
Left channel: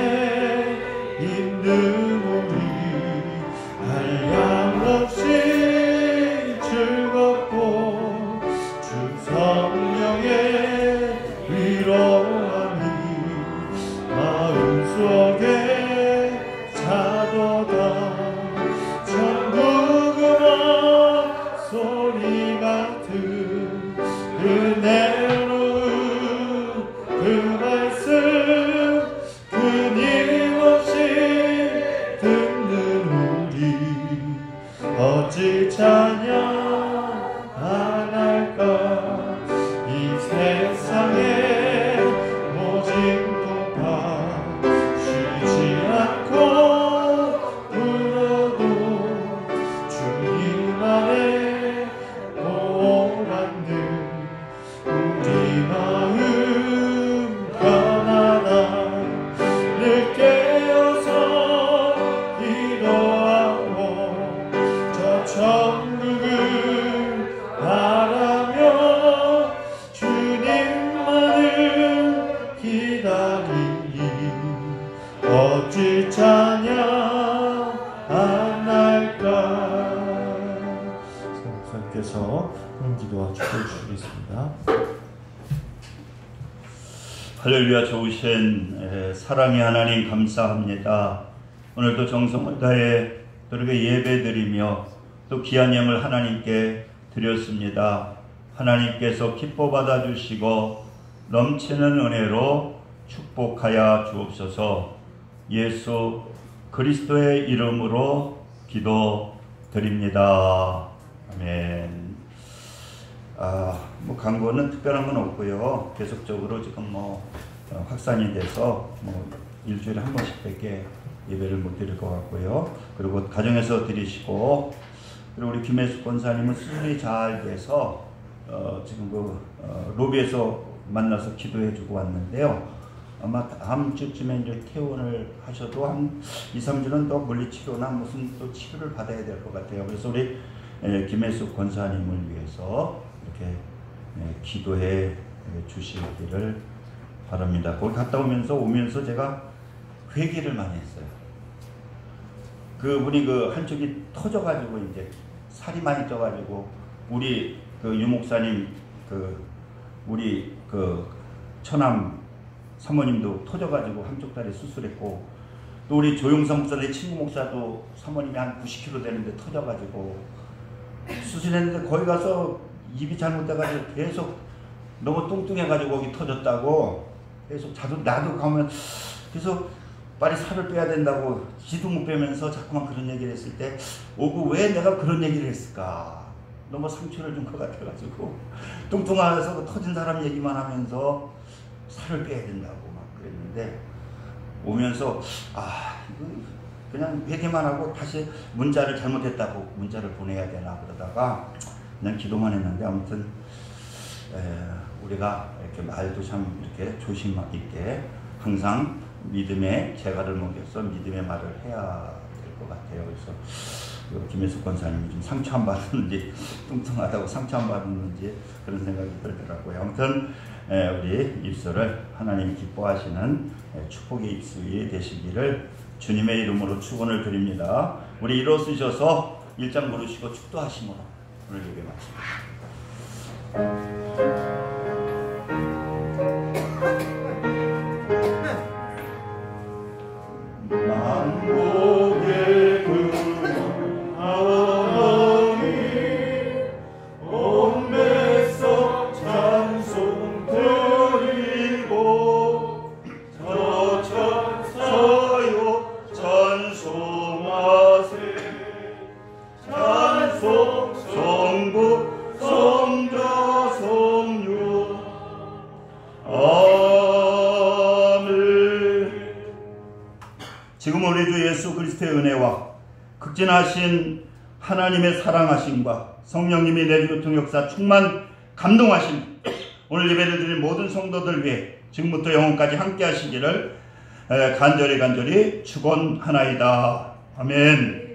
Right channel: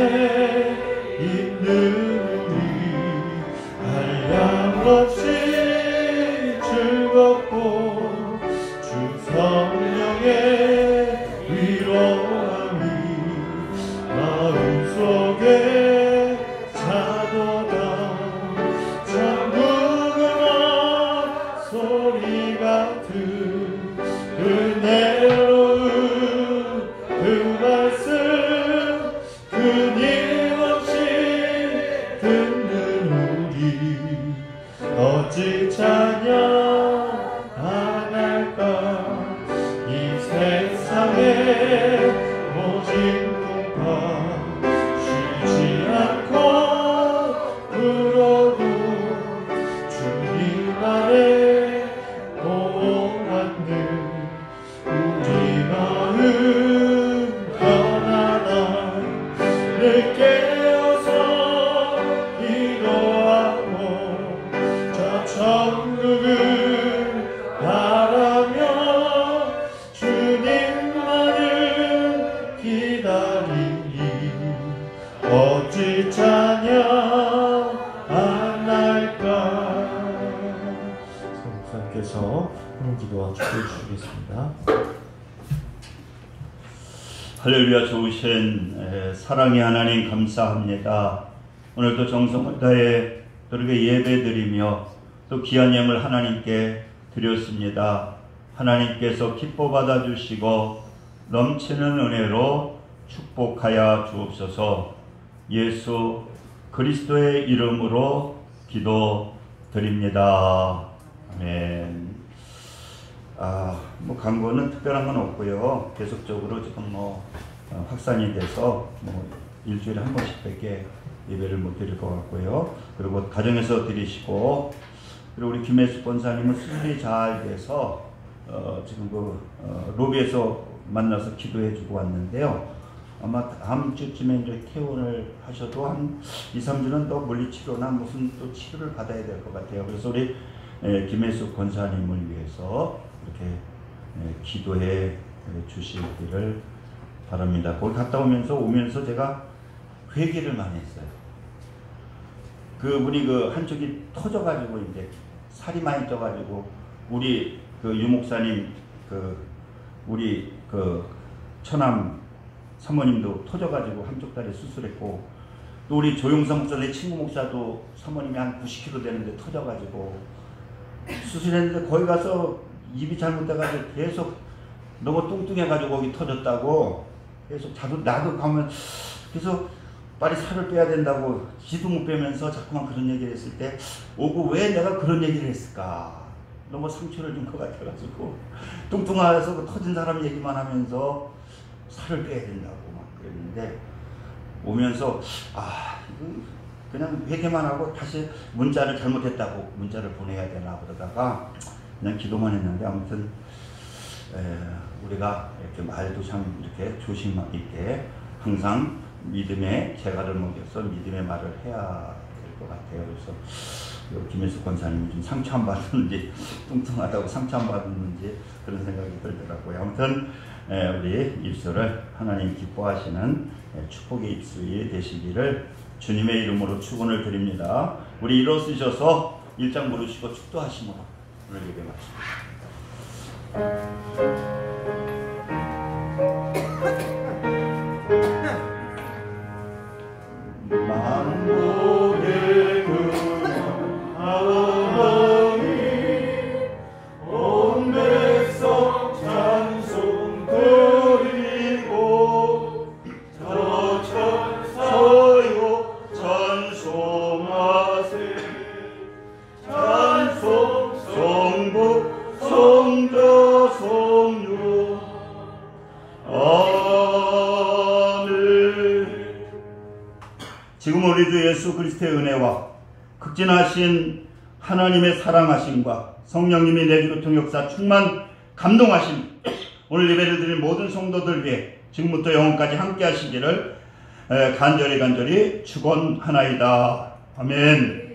있는 우리 한량없이 즐거워 찬양 안 할까 이 세상에 모진 풍파 쉬지 않고 불어도 주님 안에 오만들 우리 마음 편안하 늘 깨어서 기도하고 저 천국을 바라며 주님만을 기다리니 어찌 찬양 안 할까. 목사님께서 기도와 축복해 주시겠습니다. 할렐루야. 좋으신 사랑의 하나님 감사합니다. 오늘도 정성을 다해 그렇게 예배드리며 또 귀한 예물 하나님께 드렸습니다. 하나님께서 기뻐 받아주시고 넘치는 은혜로 축복하여 주옵소서. 예수 그리스도의 이름으로 기도드립니다. 아멘. 광고는 특별한 건 없고요. 계속적으로 지금 확산이 돼서 일주일에 한 번씩밖에 예배를 못 드릴 것 같고요. 그리고 가정에서 드리시고, 그리고 우리 김혜숙 권사님은 수술이 잘 돼서 지금 로비에서 만나서 기도해주고 왔는데요. 아마 다음 주쯤에 이제 퇴원을 하셔도 한 2, 3주는 또 물리치료나 무슨 또 치료를 받아야 될 것 같아요. 그래서 우리 김혜숙 권사님을 위해서 이렇게 기도해 주시기를 바랍니다. 거기 갔다 오면서 제가 회개를 많이 했어요. 우리 한쪽이 터져가지고 이제 살이 많이 쪄가지고 우리 유목사님 우리 처남 사모님도 터져가지고 한쪽 다리 수술했고, 또 우리 조영삼 목사 내 친구 목사도 사모님이 한 90kg 되는데 터져가지고 수술했는데 거기 가서 입이 잘못돼가지고 계속 너무 뚱뚱해가지고 거기 터졌다고 계속 나도 가면 계속 빨리 살을 빼야 된다고 지도 못 빼면서 자꾸만 그런 얘기를 했을 때 오고 왜 내가 그런 얘기를 했을까, 너무 상처를 준 것 같아가지고 뚱뚱해서 터진 사람 얘기만 하면서 살을 빼야 된다고 막 그랬는데, 오면서 그냥 회개만 하고 다시 문자를 잘못했다고 문자를 보내야 되나 그러다가 그냥 기도만 했는데, 아무튼 우리가 이렇게 말도 참 이렇게 조심 있게 항상 믿음의 재갈을 먹여서 믿음의 말을 해야 될 것 같아요. 그래서 김혜숙 권사님이 좀 상처 안 받았는지, 뚱뚱하다고 상처 안 받았는지 그런 생각이 들더라고요. 아무튼 우리 입술을 하나님 기뻐하시는 축복의 입술이 되시기를 주님의 이름으로 축원을 드립니다. 우리 일어서셔서 1장 부르시고 축도하시므로 오늘 예배 마칩니다. 지금 우리 주 예수 그리스도의 은혜와 극진하신 하나님의 사랑하심과 성령님의 내주교 통역사 충만 감동하심, 오늘 예배를 드린 모든 성도들 위해 지금부터 영원까지 함께 하시기를 간절히 축원하나이다. 아멘.